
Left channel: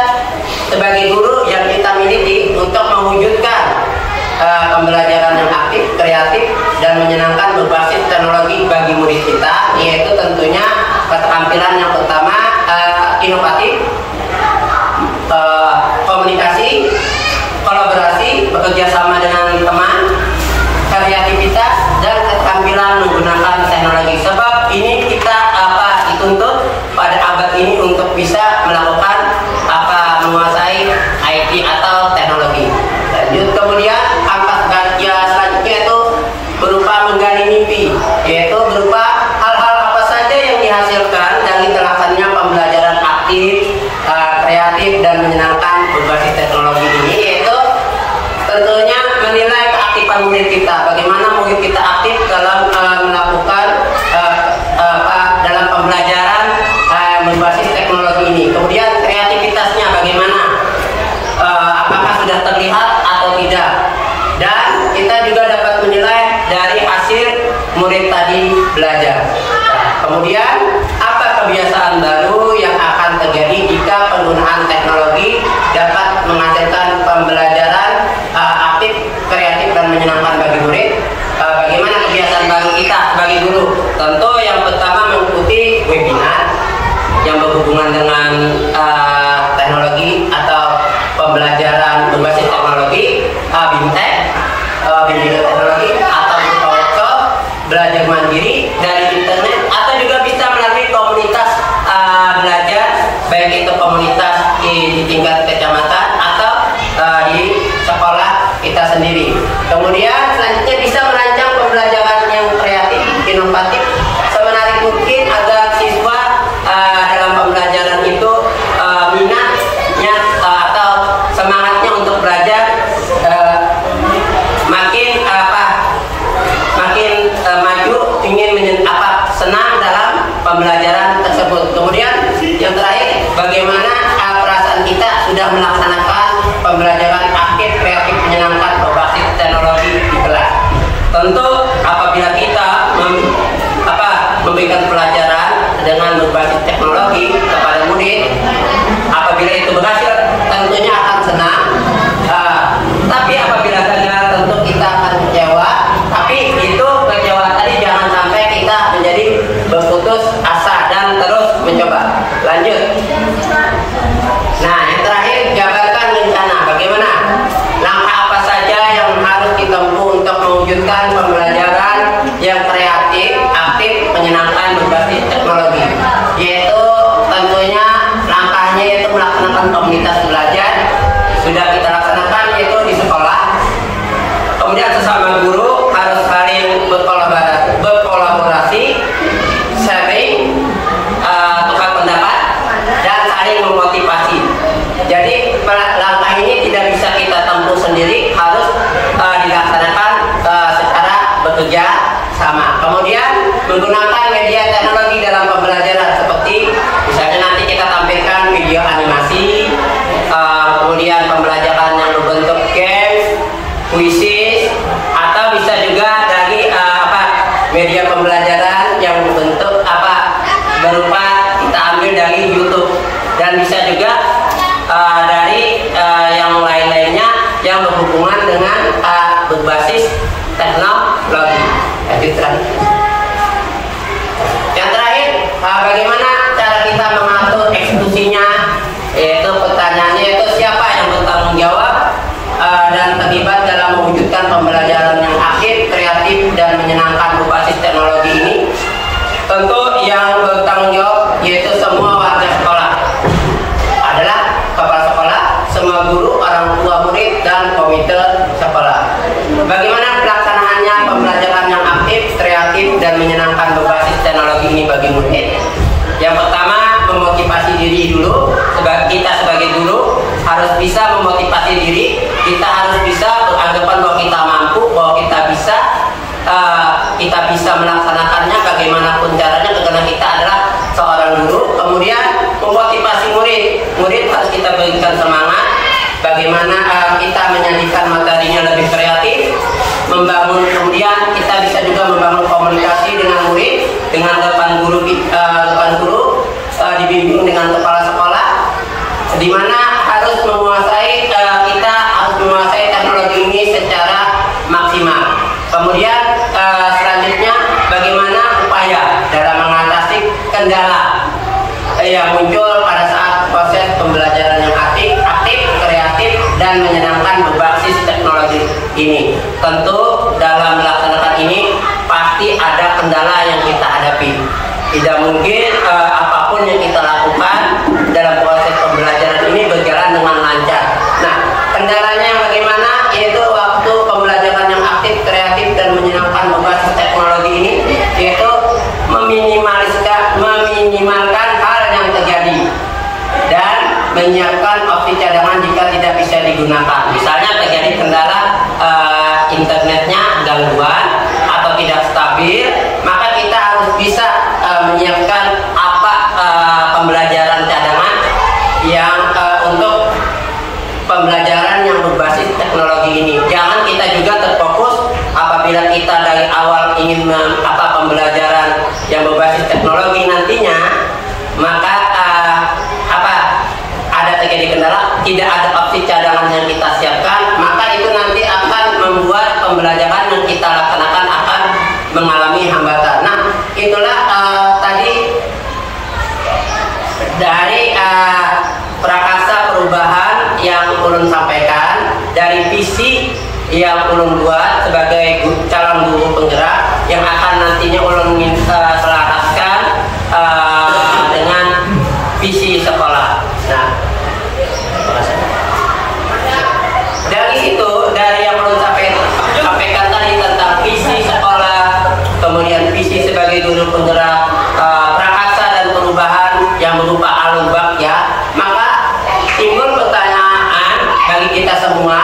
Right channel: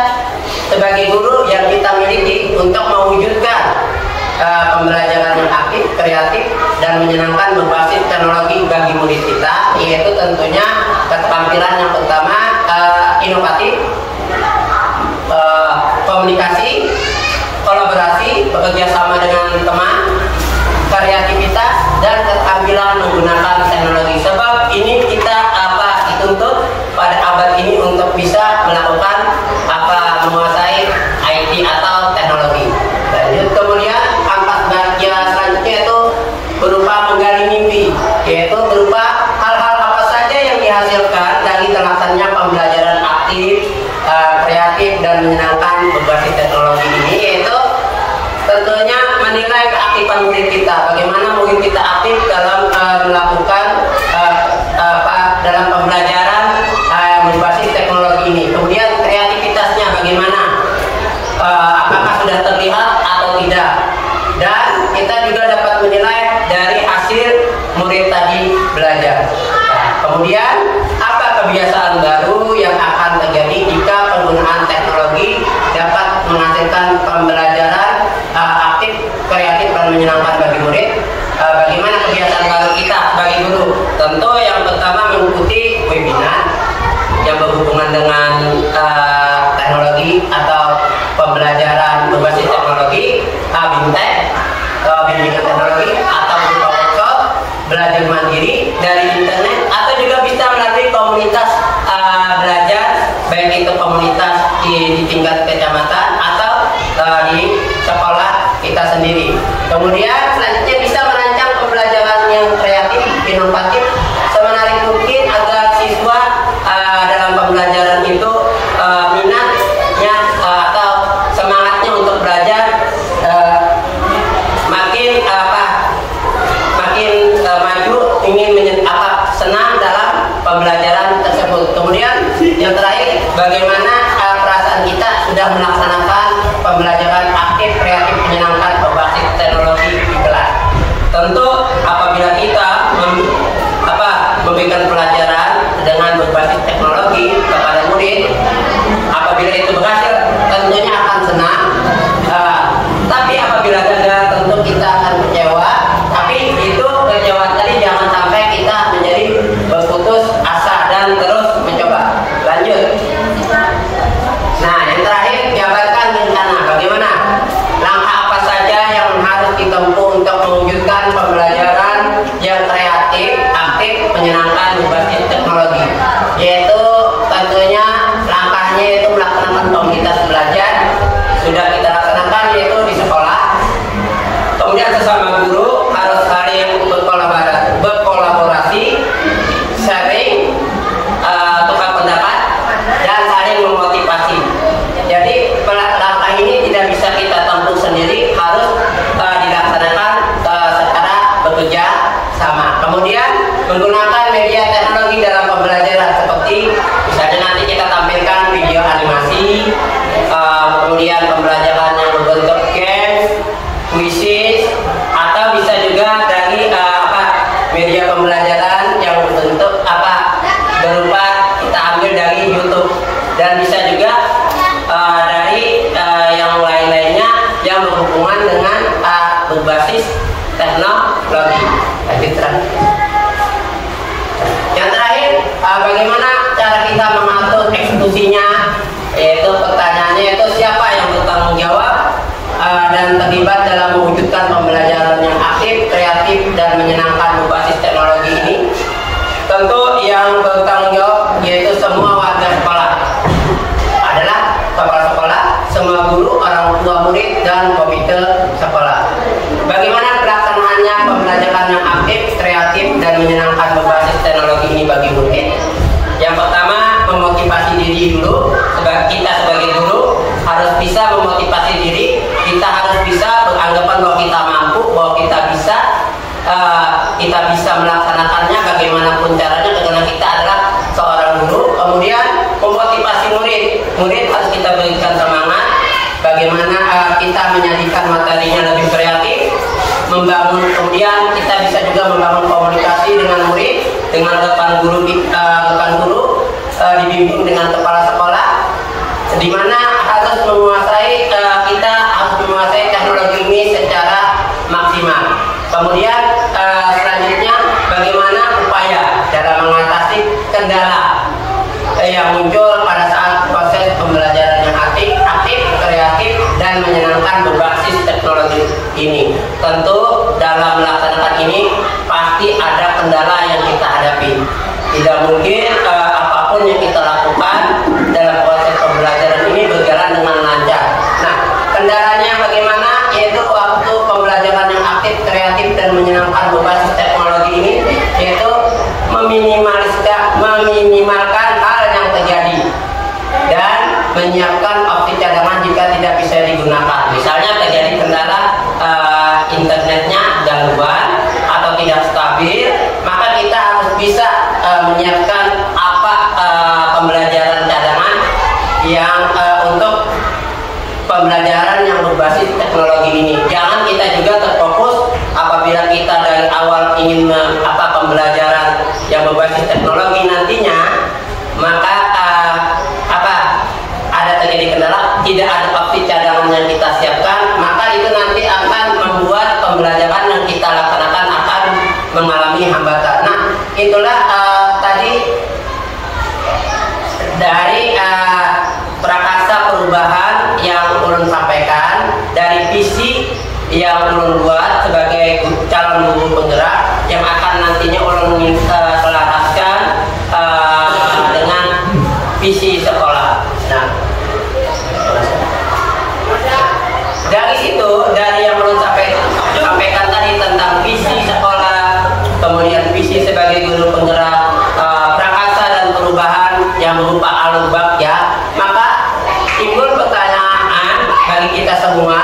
sebagai guru yang kita miliki untuk mewujudkan pembelajaran yang aktif, kreatif, dan menyenangkan berbasis teknologi bagi murid kita, yaitu tentunya keterampilan yang pertama inovatif, komunikasi, kolaborasi, bekerja sama dengan teman, kreativitas, dan keterampilan menggunakan teknologi. Sebab ini kita dituntut pada abad ini untuk bisa melakukan menguasai IT atau teknologi. Lanjut, kemudian angkat bahagia selanjutnya itu berupa menggali mimpi, yaitu berupa hal-hal apa saja yang dihasilkan dari terlaksananya pembelajaran aktif, kreatif, dan menyenangkan berbasis teknologi ini, yaitu tentunya menilai keaktifan murid kita, bagaimana murid kita aktif dalam melakukan dalam pembelajaran berbasis teknologi ini. Kemudian kreativitasnya bagaimana, apakah sudah terlihat atau tidak, dan kita juga dapat menilai dari hasil murid tadi belajar. Kemudian apa kebiasaan baru yang akan terjadi jika penggunaan teknologi dapat menghasilkan pembelajaran aktif, kreatif, dan menyenangkan bagi murid. Bagaimana kebiasaan baru kita sebagai guru? Tentu yang pertama mengikuti webinar yang berhubungan dengan teknologi atau pembelajaran berbasis teknologi, BIMTEK, bimbingan teknologi, atau workshop, belajar mandiri dari internet, atau juga bisa melalui komunitas belajar, baik itu komunitas di tingkat kecamatan atau di sekolah kita sendiri. Kemudian selanjutnya bisa merancang pembelajaran yang kreatif, inovatif, semenarik mungkin agar siswa dalam pembelajaran itu minatnya atau semangatnya untuk belajar makin maju, ingin senang dalam pembelajaran tersebut. Kemudian yang terakhir, bagaimana perasaan kita sudah melaksanakan pembelajaran aktif, kreatif, menyenangkan berbasis teknologi di kelas. Tentu apabila kita memberikan pelajaran dengan berbasis teknologi kepada murid, apabila itu berhasil tentunya akan senang, tapi apabila gagal tentu kita akan kecewa. Tapi itu kecewaan tadi jangan sampai kita menjadi berputus asa dan terus mencoba. Lanjut. Nah, yang terakhir, jabarkan rencana. Bagaimana? Langkah apa saja yang harus ditempuh untuk mewujudkan pembelajaran yang kreatif, aktif, menyenangkan berbasis teknologi, yaitu tentunya langkahnya itu melaksanakan komunitas belajar. Sudah kita laksanakan yaitu di sekolah. Kemudian sesama guru harus saling berkolaborasi, sharing, tukar pendapat, dan saling memotivasi. Jadi langkah ini tidak bisa kita tempuh sendiri, harus dilaksanakan secara bekerja sama. Kemudian menggunakan media teknologi dalam pembelajaran seperti misalnya nanti kita tampilkan video animasi, kemudian pembelajaran yang berbentuk games, kuisis, atau bisa juga dari media pembelajaran yang berbentuk berupa kita ambil dari YouTube, dan bisa juga dari yang lain-lainnya yang berhubungan dengan berbasis teknologi. Lanjutkan. Yang terakhir, bagaimana cara kita mengatur eksekusinya, yaitu pertanyaannya yaitu siapa yang bertanggung jawab dan terlibat dalam mewujudkan pembelajaran yang aktif, kreatif, dan menyenangkan berbasis teknologi ini. Tentu yang bertanggung jawab yaitu semua warga sekolah, adalah kepala sekolah, semua guru, orang tua murid, dan komite sekolah. Bagaimana pelaksanaannya pembelajaran yang aktif, kreatif, dan menyenangkan berbasis teknologi ini bagi murid? Yang pertama, memotivasi diri dulu. Kita sebagai guru harus bisa memotivasi diri. Kita harus bisa beranggapan bahwa kita mampu, bahwa kita bisa melaksanakannya bagaimanapun caranya, karena kita adalah seorang guru. Kemudian memotivasi murid. Murid harus kita berikan semangat. Bagaimana kita menjadikan materinya lebih kreatif, kemudian kita bisa juga membangun komunikasi dengan murid, dengan rekan guru, dibimbing dengan kepala sekolah, di mana harus kita harus menguasai teknologi ini secara maksimal. Kemudian selanjutnya bagaimana upaya dalam mengatasi kendala yang muncul pada saat proses pembelajaran yang aktif, kreatif, dan menyenangkan berbasis teknologi ini. Tentu dalam melaksanakan ini pasti ada kendala yang kita hadapi. Tidak mungkin apapun yang kita lakukan dalam proses pembelajaran ini berjalan dengan lancar. Nah, kendalanya bagaimana? Yaitu waktu pembelajaran yang aktif, kreatif, dan menyenangkan berbasis teknologi ini, yaitu meminimalkan hal yang terjadi dan menyiapkan opsi cadangan jika tidak bisa digunakan. Misalnya terjadi kendala internetnya gangguan atau tidak stabil, maka kita harus bisa menyiapkan pembelajaran cadangan yang untuk pembelajaran yang berbasis teknologi ini. Jangan kita juga terfokus apabila kita dari awal ingin pembelajaran yang berbasis teknologi nantinya, maka ada terjadi kendala, tidak ada opsi cadangan yang kita siapkan, maka itu nanti akan membuat pembelajaran yang kita laksanakan akan mengalami hambatan. Nah, itulah tadi dari prakasa perubahan yang ulun sampaikan, dari visi yang ulun buat sebagai calon guru penggerak yang akan nantinya ulun selaraskan dengan visi sekolah. Nah, dari situ, dari yang ulun sampaikan tadi tentang visi sekolah, kemudian visi sebagai guru penggerak, prakasa dan perubahan yang berupa alubak ya, maka timbul pertanyaan bagi kita semua,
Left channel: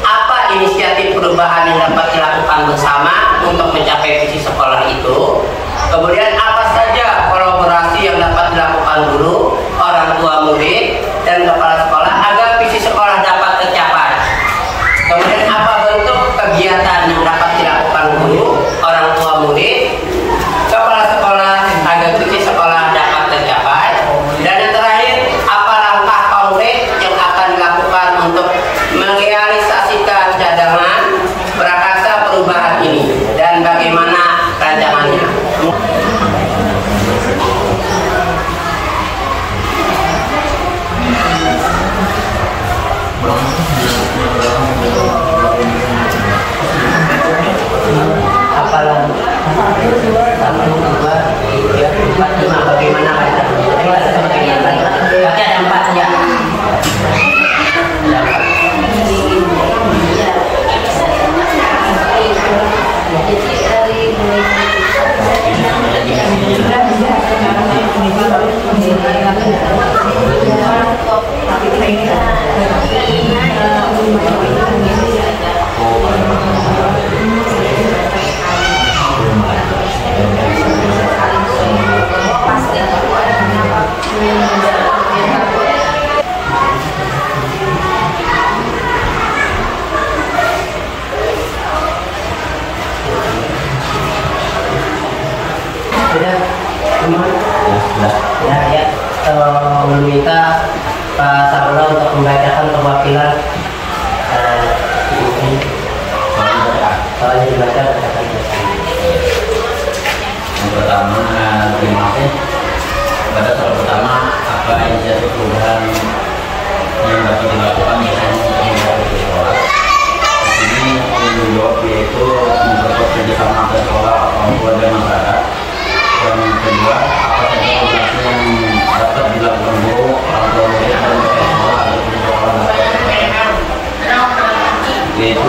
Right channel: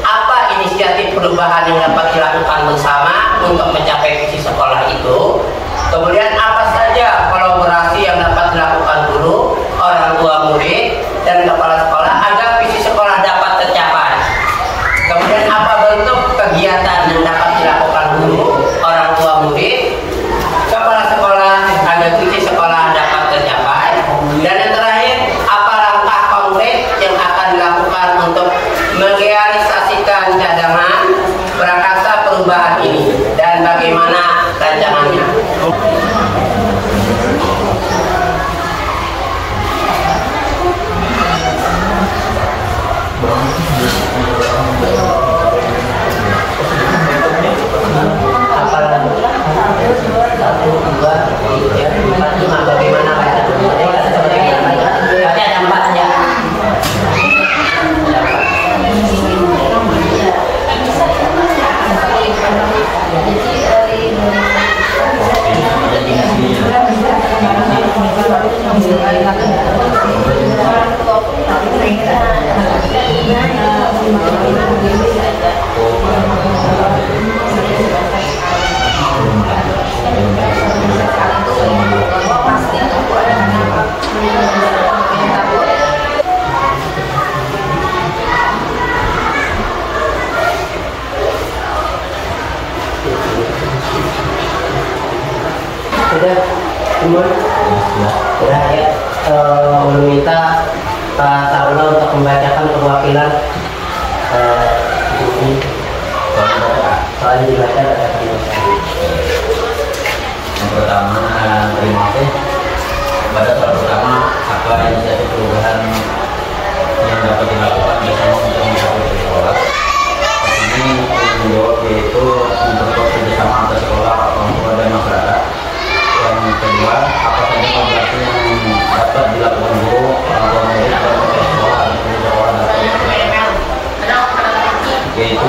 apa inisiatif perubahan yang dapat dilakukan bersama untuk mencapai visi sekolah itu? Kemudian apa saja kolaborasi yang dapat dilakukan guru, orang tua murid, dan kepala sekolah agar visi sekolah dapat tercapai? Kemudian apa bentuk kegiatan yang dapat dilakukan guru, orang tua murid, kepala sekolah agar visi sekolah dapat tercapai? Dan yang terakhir, apa langkah konkret yang akan dilakukan untuk merealisasikan cadangan prakasa perubahan ini, dan bagaimana rancangannya? Sudah ya, meminta Pak Sarno untuk membacakan perwakilan buku soal dibaca. Yang pertama, terima kasih pada soal pertama, apa inisiatif perubahan yang dapat dilakukan bersama untuk mencapai sekolah. Ini menjawab yaitu memperkuat kerjasama antar sekolah, orang tua dan masyarakat. Yang kedua, apa saja kolaborasi yang dapat dilakukan guru, orang tua murid, dan kepala sekolah untuk sekolah dapat yaitu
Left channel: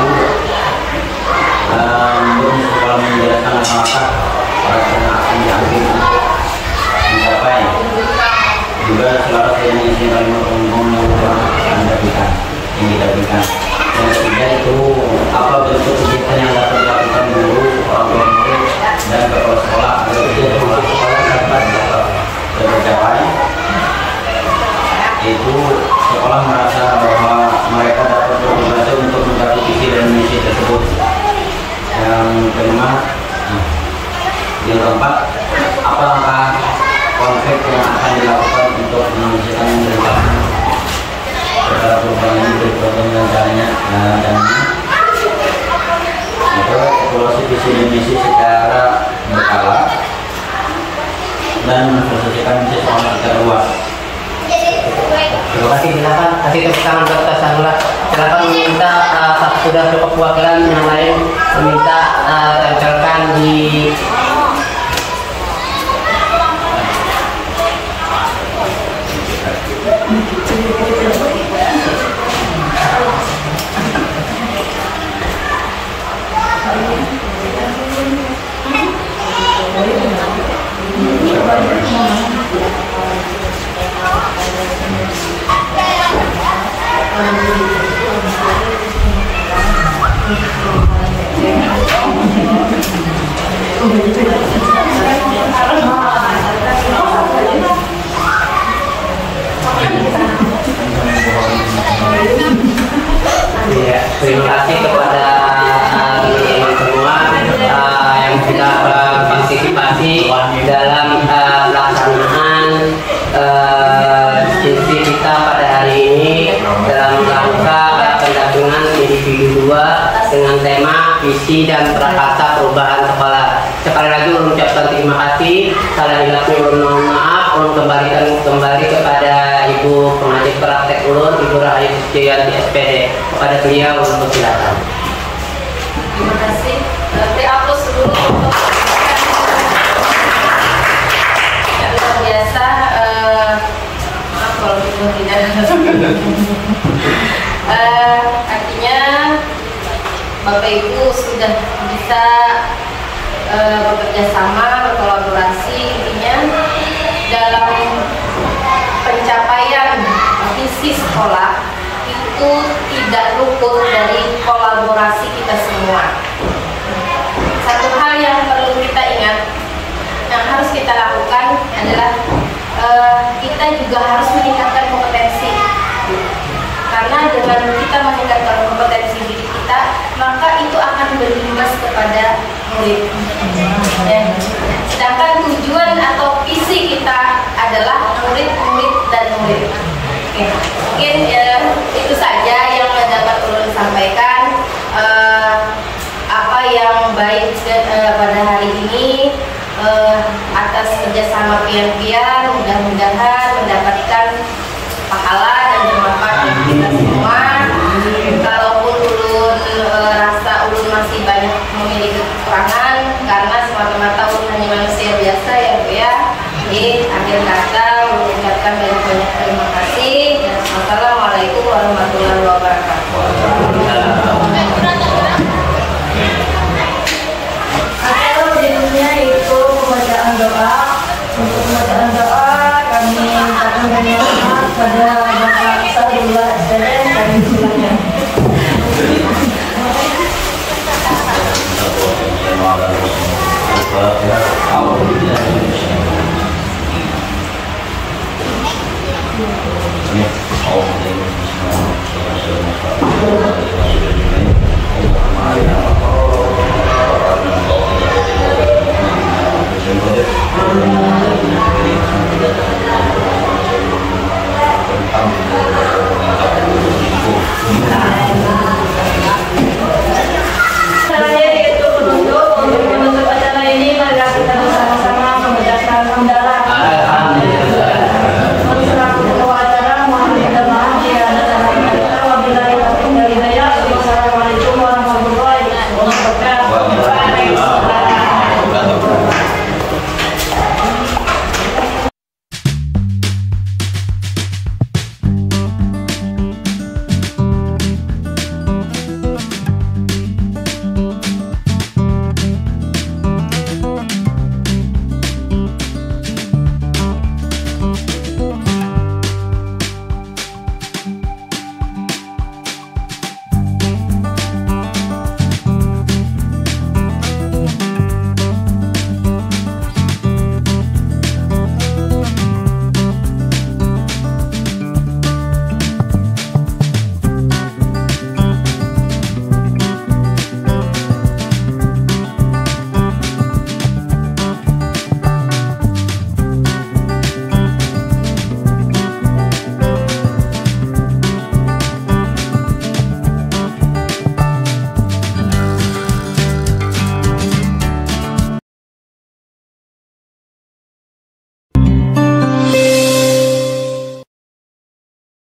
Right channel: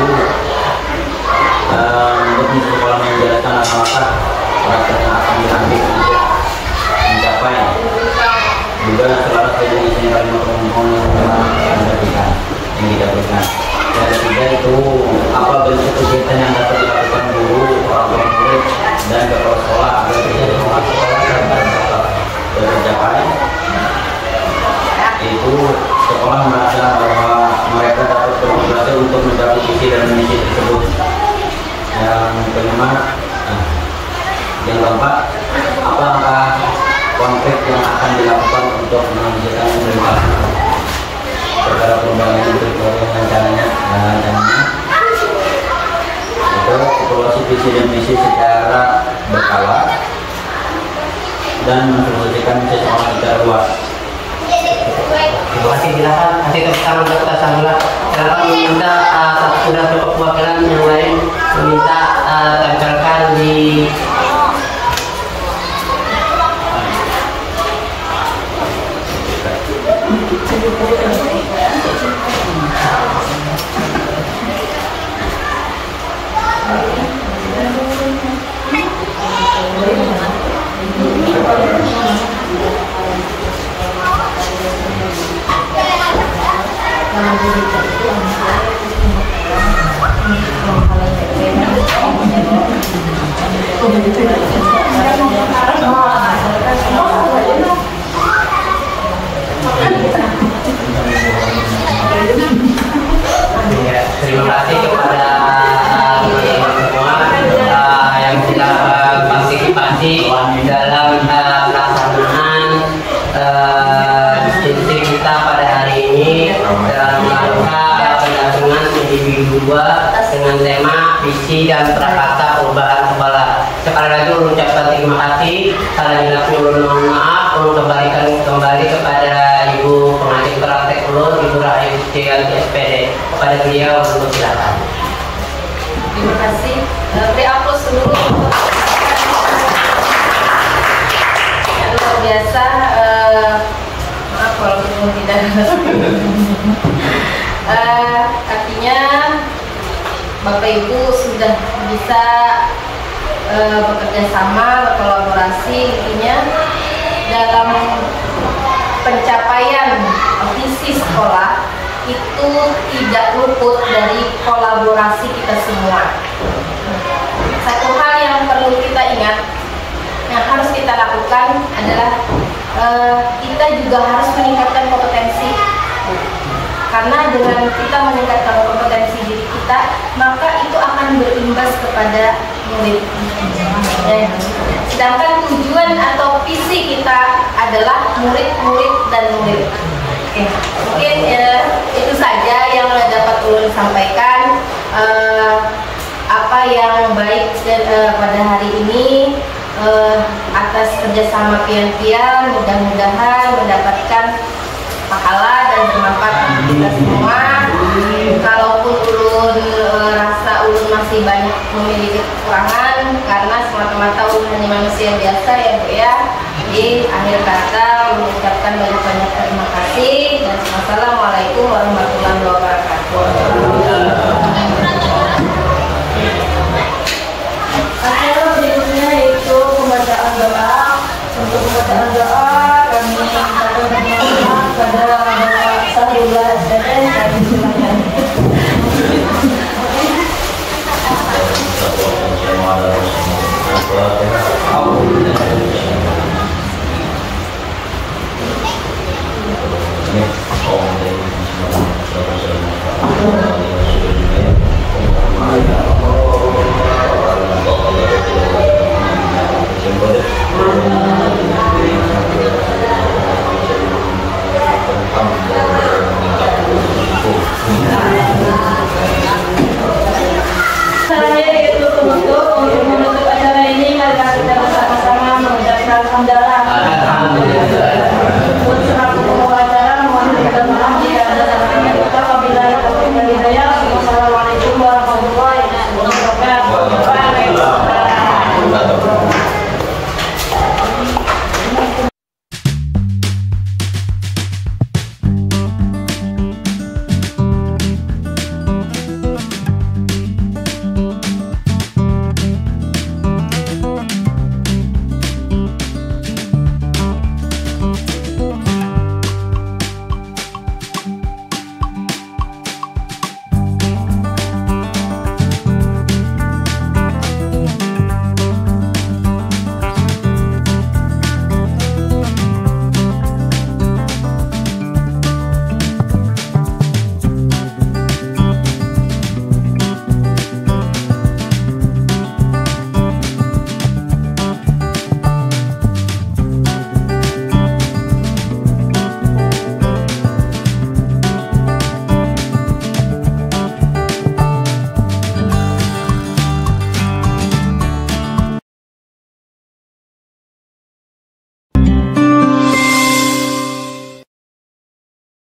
menurut sekolah menjelaskan langkah yang akan diambil untuk mencapai juga selaras dengan isi kalimat ngomong yang kita berikan. Yang ketiga itu apa bentuk kegiatan yang dapat dilakukan guru, orang tua murid, dan kepala sekolah agar kegiatan sekolah dapat tercapai. Yaitu sekolah merasa bahwa mereka dapat berkonsentrasi untuk mencapai visi dan misi tersebut. Yang kelima, yang keempat, apa langkah konkret yang akan dilakukan untuk menunjukkan perintah beberapa pembangunan berikutnya dan caranya dan evaluasi visi dan misi secara berkala dan mensosialisasikan misi secara luas. Terima kasih, silakan kasih tepuk tangan buat kita Sarula. Silakan meminta sudah cukup perwakilan yang lain meminta tempelkan di ya, terima kasih kepada teman-teman semua yang sudah berpartisipasi dalam pelaksanaan diskusi kita pada hari ini dalam rangka pendampingan individu 2 dengan tema visi dan prakasa perubahan sekolah. Sekali lagi mengucapkan terima kasih. Salah hilapnya mohon maaf. Kembalikan kembali kepada Ibu pengajar praktek ulun, Ibu Rahayu Suciyanti SPD. Kepada beliau untuk silakan. Terima kasih. Beri aplaus dulu. Yang biasa, maaf kalau tidak. Artinya Bapak Ibu sudah bisa bekerja sama, berkolaborasi intinya dalam pencapaian visi sekolah itu tidak luput dari kolaborasi kita semua. Satu hal yang perlu kita ingat, yang harus kita lakukan adalah kita juga harus meningkatkan kompetensi. Karena dengan kita meningkatkan kompetensi diri kita, maka itu akan berimbas kepada murid. Ya. Sedangkan tujuan atau visi kita adalah murid-murid dan murid. Oke. Mungkin itu saja yang dapat ulun sampaikan. Apa yang baik pada hari ini atas kerjasama pian-pian, mudah-mudahan mendapatkan pahala dan bermanfaat bagi kita semua. Kalaupun ulun rasa ulun masih banyak memiliki kekurangan karena semata-mata ulun hanya manusia biasa ya. Jadi akhir kata ulun ucapkan banyak-banyak terima kasih dan wassalamualaikum warahmatullahi wabarakatuh.